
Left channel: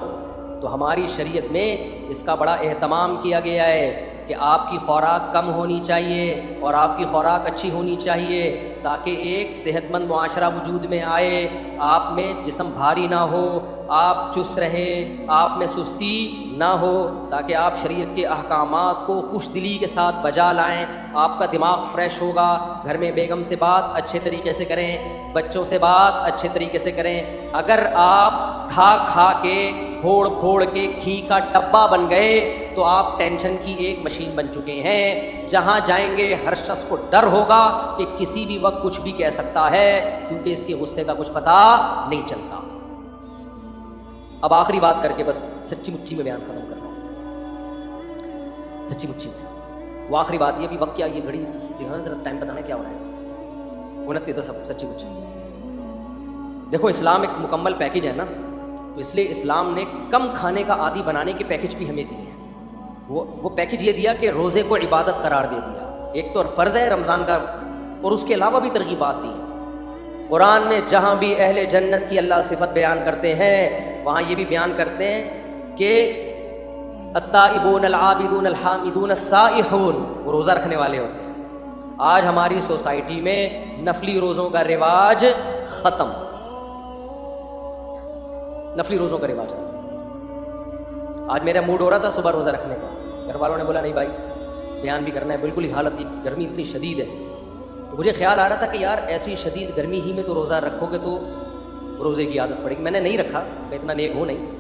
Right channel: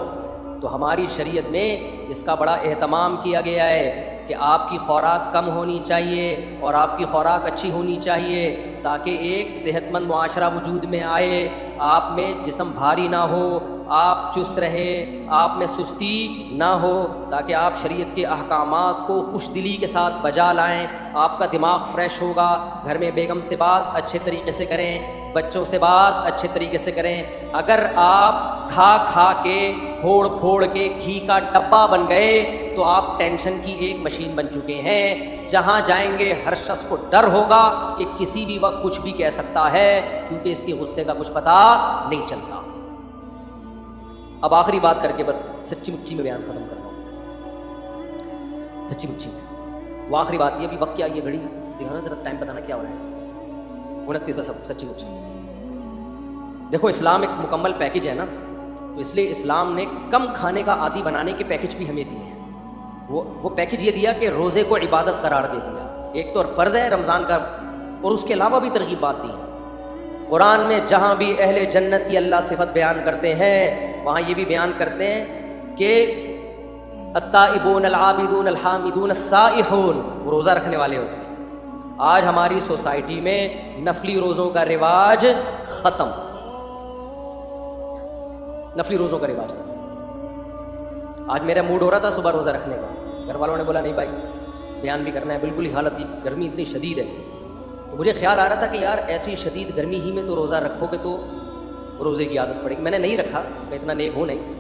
تو ہماری شریعت میں اس کا بڑا اہتمام کیا گیا ہے کہ آپ کی خوراک کم ہونی چاہیے اور آپ کی خوراک اچھی ہونی چاہیے تاکہ ایک صحت مند معاشرہ وجود میں آئے. آپ میں جسم بھاری نہ ہو, آپ چست رہیں, آپ میں سستی نہ ہو, تاکہ آپ شریعت کے احکامات کو خوش دلی کے ساتھ بجا لائیں. آپ کا دماغ فریش ہوگا. گھر میں بیگم سے بات اچھے طریقے سے کریں, بچوں سے بات اچھے طریقے سے کریں. اگر آپ کھا کھا کے پھوڑ پھوڑ کے گھی کا ڈبہ بن گئے تو آپ ٹینشن کی ایک مشین بن چکے ہیں. جہاں جائیں گے ہر شخص کو ڈر ہوگا کہ کسی بھی وقت کچھ بھی کہہ سکتا ہے, کیونکہ اس کے غصے کا کچھ پتہ نہیں چلتا. اب آخری بات کر کے بس سچی مچی میں بیان ختم کر رہا ہوں. سچی مچی میں وہ آخری بات یہ, بھی وقت کیا, یہ گھڑی دیکھنا ذرا ٹائم بتانا کیا ہو رہا ہے, 29 بس. اب سچی مچی دیکھو, اسلام ایک مکمل پیکج ہے نا, تو اس لیے اسلام نے کم کھانے کا عادی بنانے کے پیکج بھی ہمیں دیے ہیں. وہ پیکج یہ دیا کہ روزے کو عبادت قرار دے دیا. ایک تو فرض ہے رمضان کا, اور اس کے علاوہ بھی ترغیبات دی ہیں. قرآن میں جہاں بھی اہل جنت کی اللہ صفت بیان کرتے ہیں وہاں یہ بھی بیان کرتے ہیں کہ التائبون العابدون الحامدون السائحون, وہ روزہ رکھنے والے ہوتے ہیں. آج ہماری سوسائٹی میں نفلی روزوں کا رواج ختم, نفلی روزوں کا رواج ختم. آج میرا موڈ ہو رہا تھا صبح روزہ رکھنے کا, گھر والوں نے بولا نہیں بھائی بیان بھی کرنا ہے, بالکل ہی حالت گرمی اتنی شدید ہے. تو مجھے خیال آ رہا تھا کہ یار ایسی شدید گرمی ہی میں تو روزہ رکھو گے تو روزے کی عادت پڑے گی. میں نے نہیں رکھا, میں اتنا نیک ہوں نہیں,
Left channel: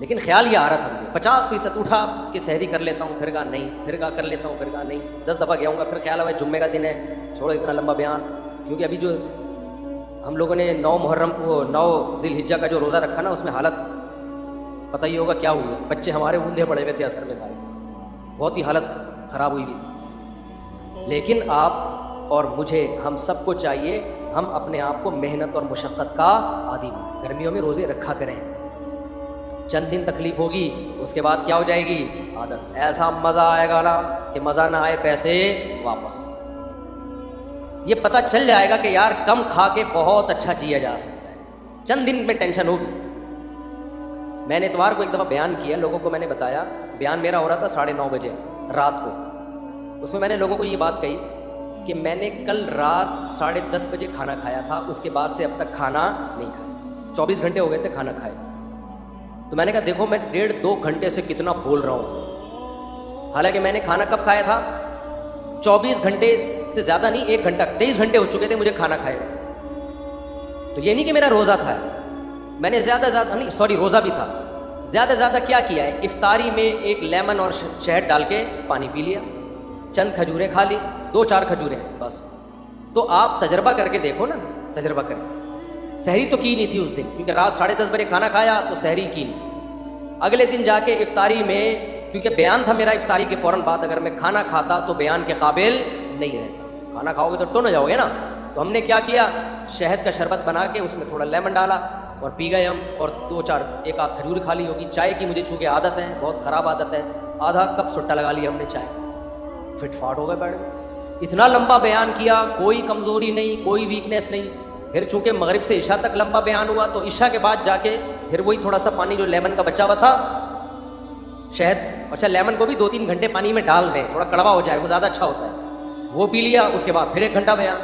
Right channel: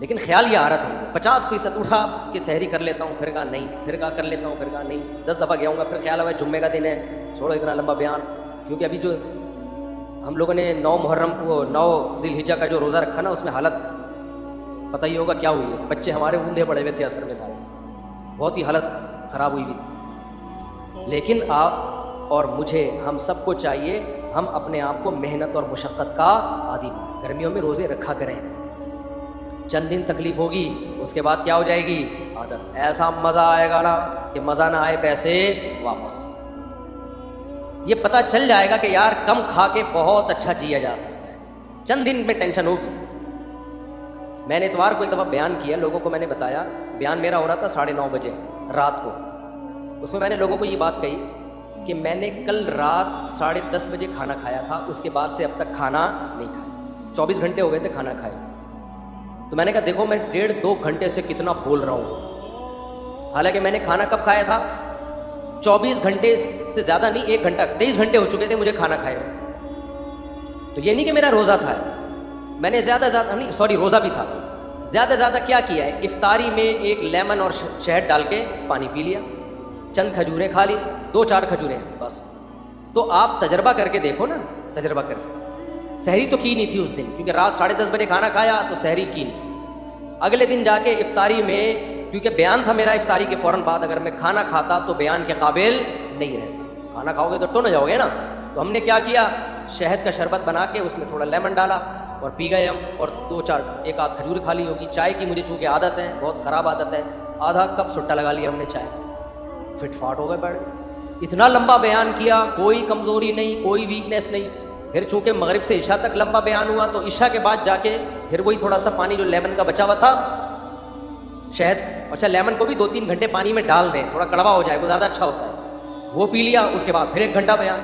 لیکن خیال یہ آ رہا تھا مجھے. 50% اٹھا کہ سحری کر لیتا ہوں, پھر کہا نہیں, پھر کہا کر لیتا ہوں, پھر کہا نہیں. 10 دفعہ گیا ہوں گا, پھر خیال آیا جمعے کا دن ہے, چھوڑا اتنا لمبا بیان. کیونکہ ابھی جو ہم لوگوں نے 9 محرم کو 9 ذی الحجہ کا جو روزہ رکھا نا, اس میں حالت پتہ ہی ہوگا کیا ہوئی ہے. بچے ہمارے اوندھے پڑے ہوئے تھے اثر میں سارے, بہت ہی حالت خراب ہوئی تھی. لیکن آپ اور مجھے, ہم سب کو چاہیے ہم اپنے آپ کو محنت اور مشقت کا عادی بنائیں. گرمیوں میں روزے رکھا کریں, چند دن تکلیف ہوگی, اس کے بعد کیا ہو جائے گی عادت. ایسا مزہ آئے گا نا کہ مزہ نہ آئے پیسے واپس. یہ پتہ چل جائے گا کہ یار کم کھا کے بہت اچھا جیا جا سکتا ہے, چند دن میں ٹینشن ہوگی. میں نے تمہارے کو ایک دفعہ بیان کیا, لوگوں کو میں نے بتایا, بیان میرا ہو رہا تھا 9:30 بجے رات کو. اس میں میں نے لوگوں کو یہ بات کہی کہ میں نے کل رات 10:30 بجے کھانا کھایا تھا, اس کے بعد سے اب تک کھانا نہیں کھایا. 24 گھنٹے ہو گئے تھے کھانا کھائے. تو میں نے کہا دیکھو میں 1.5-2 گھنٹے سے کتنا بول رہا ہوں, حالانکہ میں نے کھانا کب کھایا تھا, 24 گھنٹے سے زیادہ نہیں, 1 گھنٹہ 23 گھنٹے ہو چکے تھے مجھے کھانا کھائے ہوئے. تو یہ نہیں کہ میرا روزہ تھا, میں نے زیادہ نہیں, سوری روزہ بھی تھا. زیادہ زیادہ کیا کیا ہے, افطاری میں ایک لیمن اور شہد ڈال کے پانی پی لیا, چند کھجوریں کھا لی, 2-4 کھجوریں بس. تو آپ تجربہ کر کے دیکھو نا, تجربہ کر کے. سحری تو کی نہیں تھی اس دن, کیونکہ رات 10:30 بجے کھانا کھایا تو سحری کی نہیں. اگلے دن جا کے افطاری میں, کیونکہ بیان تھا میرا افطاری کے فوراً بعد, اگر میں کھانا کھاتا تو بیان کے قابل نہیں رہتا. کھانا کھاؤ گے تو نہ جاؤ گے نا. تو ہم نے کیا کیا, شہد کا شربت بنا کے اس میں تھوڑا لیمن ڈالا اور پی گئے ہم, اور 2-4 1 آدھ کھجور کھا لی ہوگی. چائے کی مجھے چونکہ عادت ہے, بہت خراب عادت ہے, آدھا کپ سٹا لگا لیا ہم نے چائے, فٹ فاٹ ہو گئے بیٹھ. اتنا لمبا بیان کیا, کوئی کمزوری نہیں, کوئی ویکنیس نہیں. پھر چونکہ مغرب سے عشاء تک لمبا بیان ہوا, تو عشاء کے بعد جا کے پھر وہی تھوڑا سا پانی جو لیمن کا بچا ہوا تھا, شہد, اچھا لیمن کو بھی 2-3 گھنٹے پانی میں ڈال دیں, تھوڑا کڑوا ہو جائے, وہ زیادہ اچھا ہوتا ہے, وہ پی لیا. اس کے بعد پھر 1 گھنٹہ بیان.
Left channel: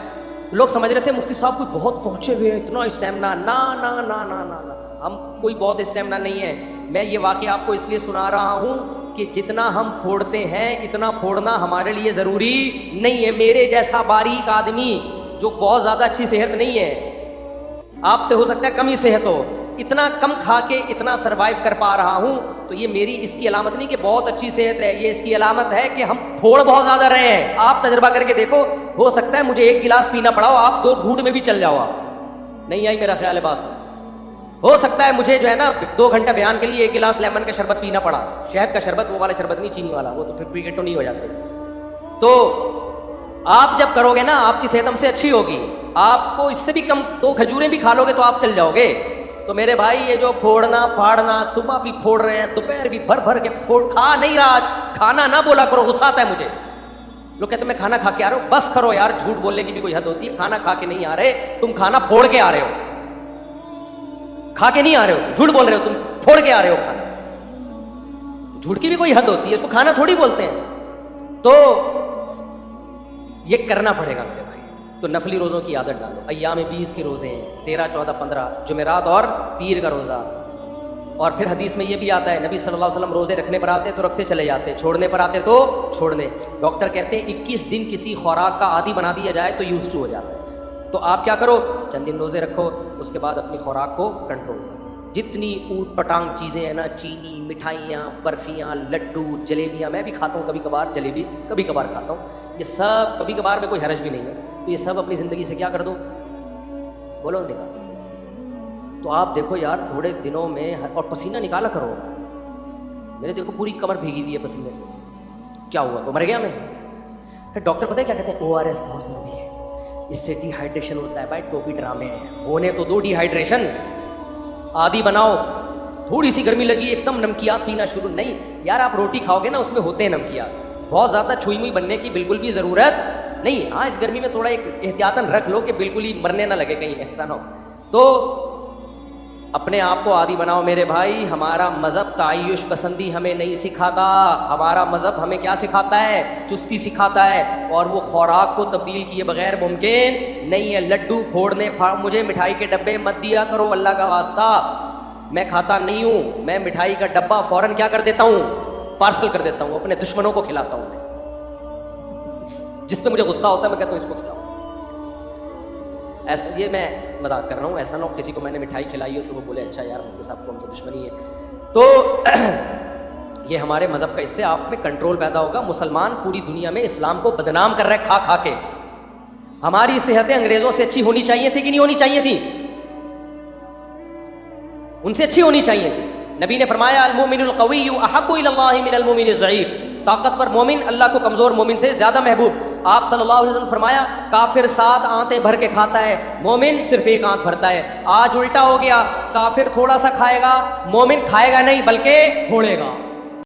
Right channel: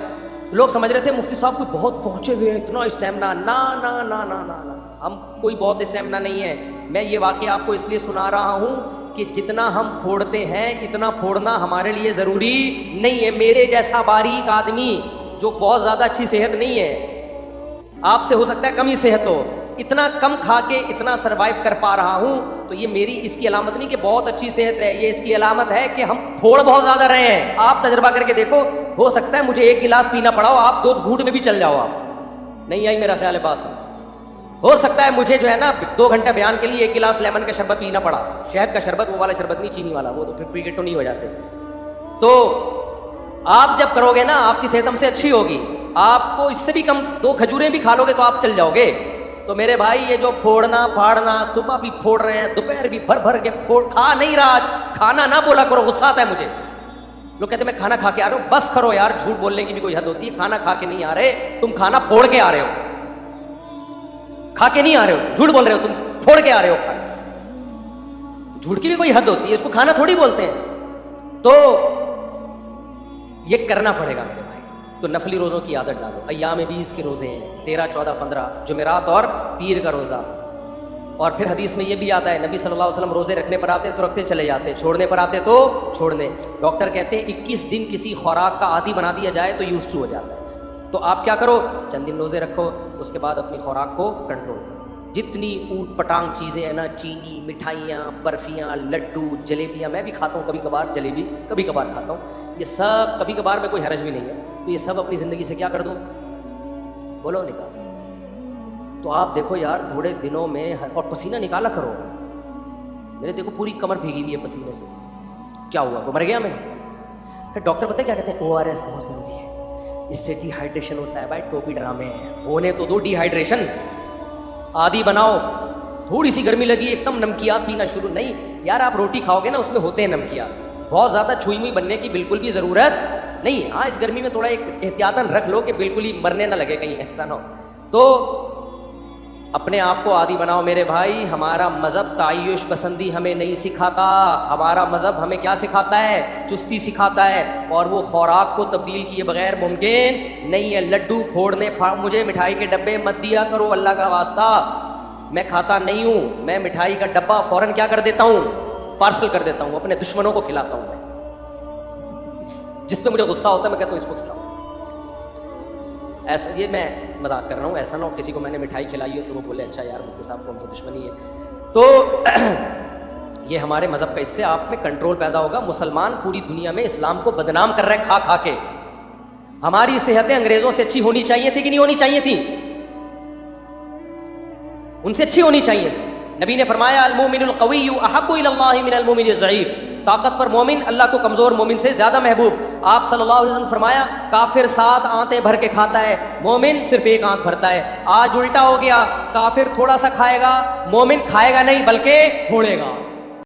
لوگ سمجھ رہے تھے مفتی صاحب کو بہت پہنچے ہوئے ہیں, اتنا اسٹیمنا. نا نا نا نا نا نا, ہم کوئی بہت اسٹیمنا نہیں ہے. میں یہ واقعہ آپ کو اس لیے سنا رہا ہوں کہ جتنا ہم پھوڑتے ہیں اتنا پھوڑنا ہمارے لیے ضروری نہیں ہے. میرے جیسا باریک آدمی جو بہت زیادہ اچھی صحت نہیں ہے, آپ سے ہو سکتا ہے کم ہی صحت ہو, اتنا کم کھا کے اتنا سروائیو کر پا رہا ہوں, تو یہ میری اس کی علامت نہیں کہ بہت اچھی صحت ہے, یہ اس کی علامت ہے کہ ہم پھوڑ بہت زیادہ رہے ہیں. آپ تجربہ کر کے دیکھو, ہو سکتا ہے مجھے 1 گلاس پینا پڑا ہو, آپ 2 گھونٹ میں بھی چل جاؤ. آپ نہیں آئی میرا خیال ہے بات سمجھ. ہو سکتا ہے مجھے جو ہے نا 2 گھنٹے بیان کے لیے 1 گلاس لیمن کا شربت پینا پڑا, شہد کا شربت, وہ والا شربت نہیں چینی والا, وہ تو پھر پریگیٹو نہیں ہو جاتے. تو آپ جب کرو گے نا آپ کی صحت ہم سے اچھی ہوگی. آپ کو اس سے بھی کم 2 کھجوریں بھی کھا لو گے تو آپ چل جاؤ گے. تو میرے بھائی یہ جو پھوڑنا پھاڑنا, صبح بھی پھوڑ رہے ہیں, دوپہر بھی بھر بھر کے پھوڑ, کھا نہیں رہا. آج کھانا نہ بولا کرو, غصہ آتا ہے مجھے. لوگ کہتے ہیں میں کھانا کھا کے آ رہا ہوں. بس کرو یار, جھوٹ بولنے کی بھی کوئی حد ہوتی ہے. کھانا کھا کے نہیں آ رہے تم, کھانا پھوڑ کے آ رہے ہو. کھا کے نہیں آ رہے ہو, جھوٹ بول رہے ہو, تم پھوڑ کے آ رہے ہو کھانا. تو جھوٹ کی بھی کوئی حد ہوتی ہے, اس کو کھانا تھوڑی بولتے ہیں. تو یہ کرنا پڑے گا میرے بھائی. تو نفلی روزوں کی عادت ڈالو. ایام 20 کے روزے ہیں, 13, 14, 15 جمعرات اور پیر کا روزہ. اور پھر حدیث میں یہ بھی آتا ہے, نبی صلی اللہ علیہ وسلم روزے رکھنے پر آتے تو رکھتے چلے جاتے, چھوڑنے پر آتے تو چھوڑنے. ڈاکٹر کہتے ہیں 21 دن کسی خوراک کا عادی بنا دیا جائے تو یوز ٹو ہو جاتا ہے. تو آپ کیا کرو, چند دن روزے رکھو, اس کے بعد اپنی خوراک کو کنٹرول کرو. جتنی اوٹ پٹانگ چیزیں ہیں نا, چینی, مٹھائیاں, برفیاں, لڈو, جلیبیاں, میں بھی کھاتا ہوں کبھی کبھار, جلیبی کبھی کبھار کھاتا ہوں. یہ سب کبھی کبھار میں کوئی حرج بھی نہیں ہے, تو یہ سب اپنی زندگی سے کیا کر دوں, بولو نکال. تو آپ دیکھو یار تھوڑے دنوں میں, اور پسینہ نکالا کرو. میرے دیکھو پوری کمر بھیگی ہوئی ہے پسینے سے. کیا ہوا, مر گیا میں؟ ڈاکٹر پتہ ہے کیا کہتے ہیں, ORS بہت ضروری ہے, اس سے ڈی ہائیڈریشن ہوتا ہے. بھائی ٹوپی ڈرامے ہیں, ہونے تو دو ڈی ہائیڈریشن. عادی بناؤ, تھوڑی سی گرمی لگی ایک دم نمکیات پینا شروع. نہیں یار, آپ روٹی کھاؤ گے نا اس میں ہوتے ہیں نمکیات, بہت زیادہ چھوئمی بننے کی بالکل بھی ضرورت نہیں. ہاں اس گرمی میں تھوڑا ایک احتیاطاً رکھ لو کہ بالکل ہی مرنے نہ لگے, کہیں ایسا نہ ہو. تو اپنے آپ کو عادی بناؤ میرے بھائی. ہمارا مذہب تعیش پسندی ہمیں نہیں سکھاتا. ہمارا مذہب ہمیں کیا سکھاتا ہے, چستی سکھاتا ہے. اور وہ خوراک کو تبدیل کیے بغیر ممکن نہیں ہے. لڈو پھوڑنے, مجھے مٹھائی کے ڈبے مت دیا کرو, اللہ کا واسطہ. میں کھاتا نہیں ہوں, میں مٹھائی کا ڈبہ فوراً کیا کر دیتا ہوں, پارسل کر دیتا ہوں, اپنے دشمنوں کو کھلاتا ہوں. میں جس پہ مجھے غصہ ہوتا ہے میں کہتا ہوں اس کو کھلاؤ. ایسا, یہ میں مذاق کر رہا ہوں, ایسا نہ ہو کسی کو میں نے مٹھائی کھلائی ہو تو وہ بولے اچھا یار مفتی صاحب کو ہم تو دشمنی ہے. تو یہ ہمارے مذہب کا, اس سے آپ میں کنٹرول پیدا ہوگا. مسلمان پوری دنیا میں اسلام کو بدنام کر رہا ہے کھا کھا کے. ہماری صحتیں انگریزوں سے اچھی ہونی چاہیے تھی کہ نہیں ہونی چاہیے تھی؟ ان سے اچھی ہونی چاہیے تھی. نبی نے فرمایا المومن القوی احب الی اللہ من المومن الضعیف, طاقتور مومن اللہ کو کمزور مومن سے زیادہ محبوب. آپ صلی اللہ علیہ وسلم فرمایا کافر 7 آنتیں بھر کے کھاتا ہے, مومن صرف 1 آنت بھرتا ہے. آج الٹا ہو گیا, کافر تھوڑا سا کھائے گا, مومن کھائے گا نہیں بلکہ پھوڑے گا.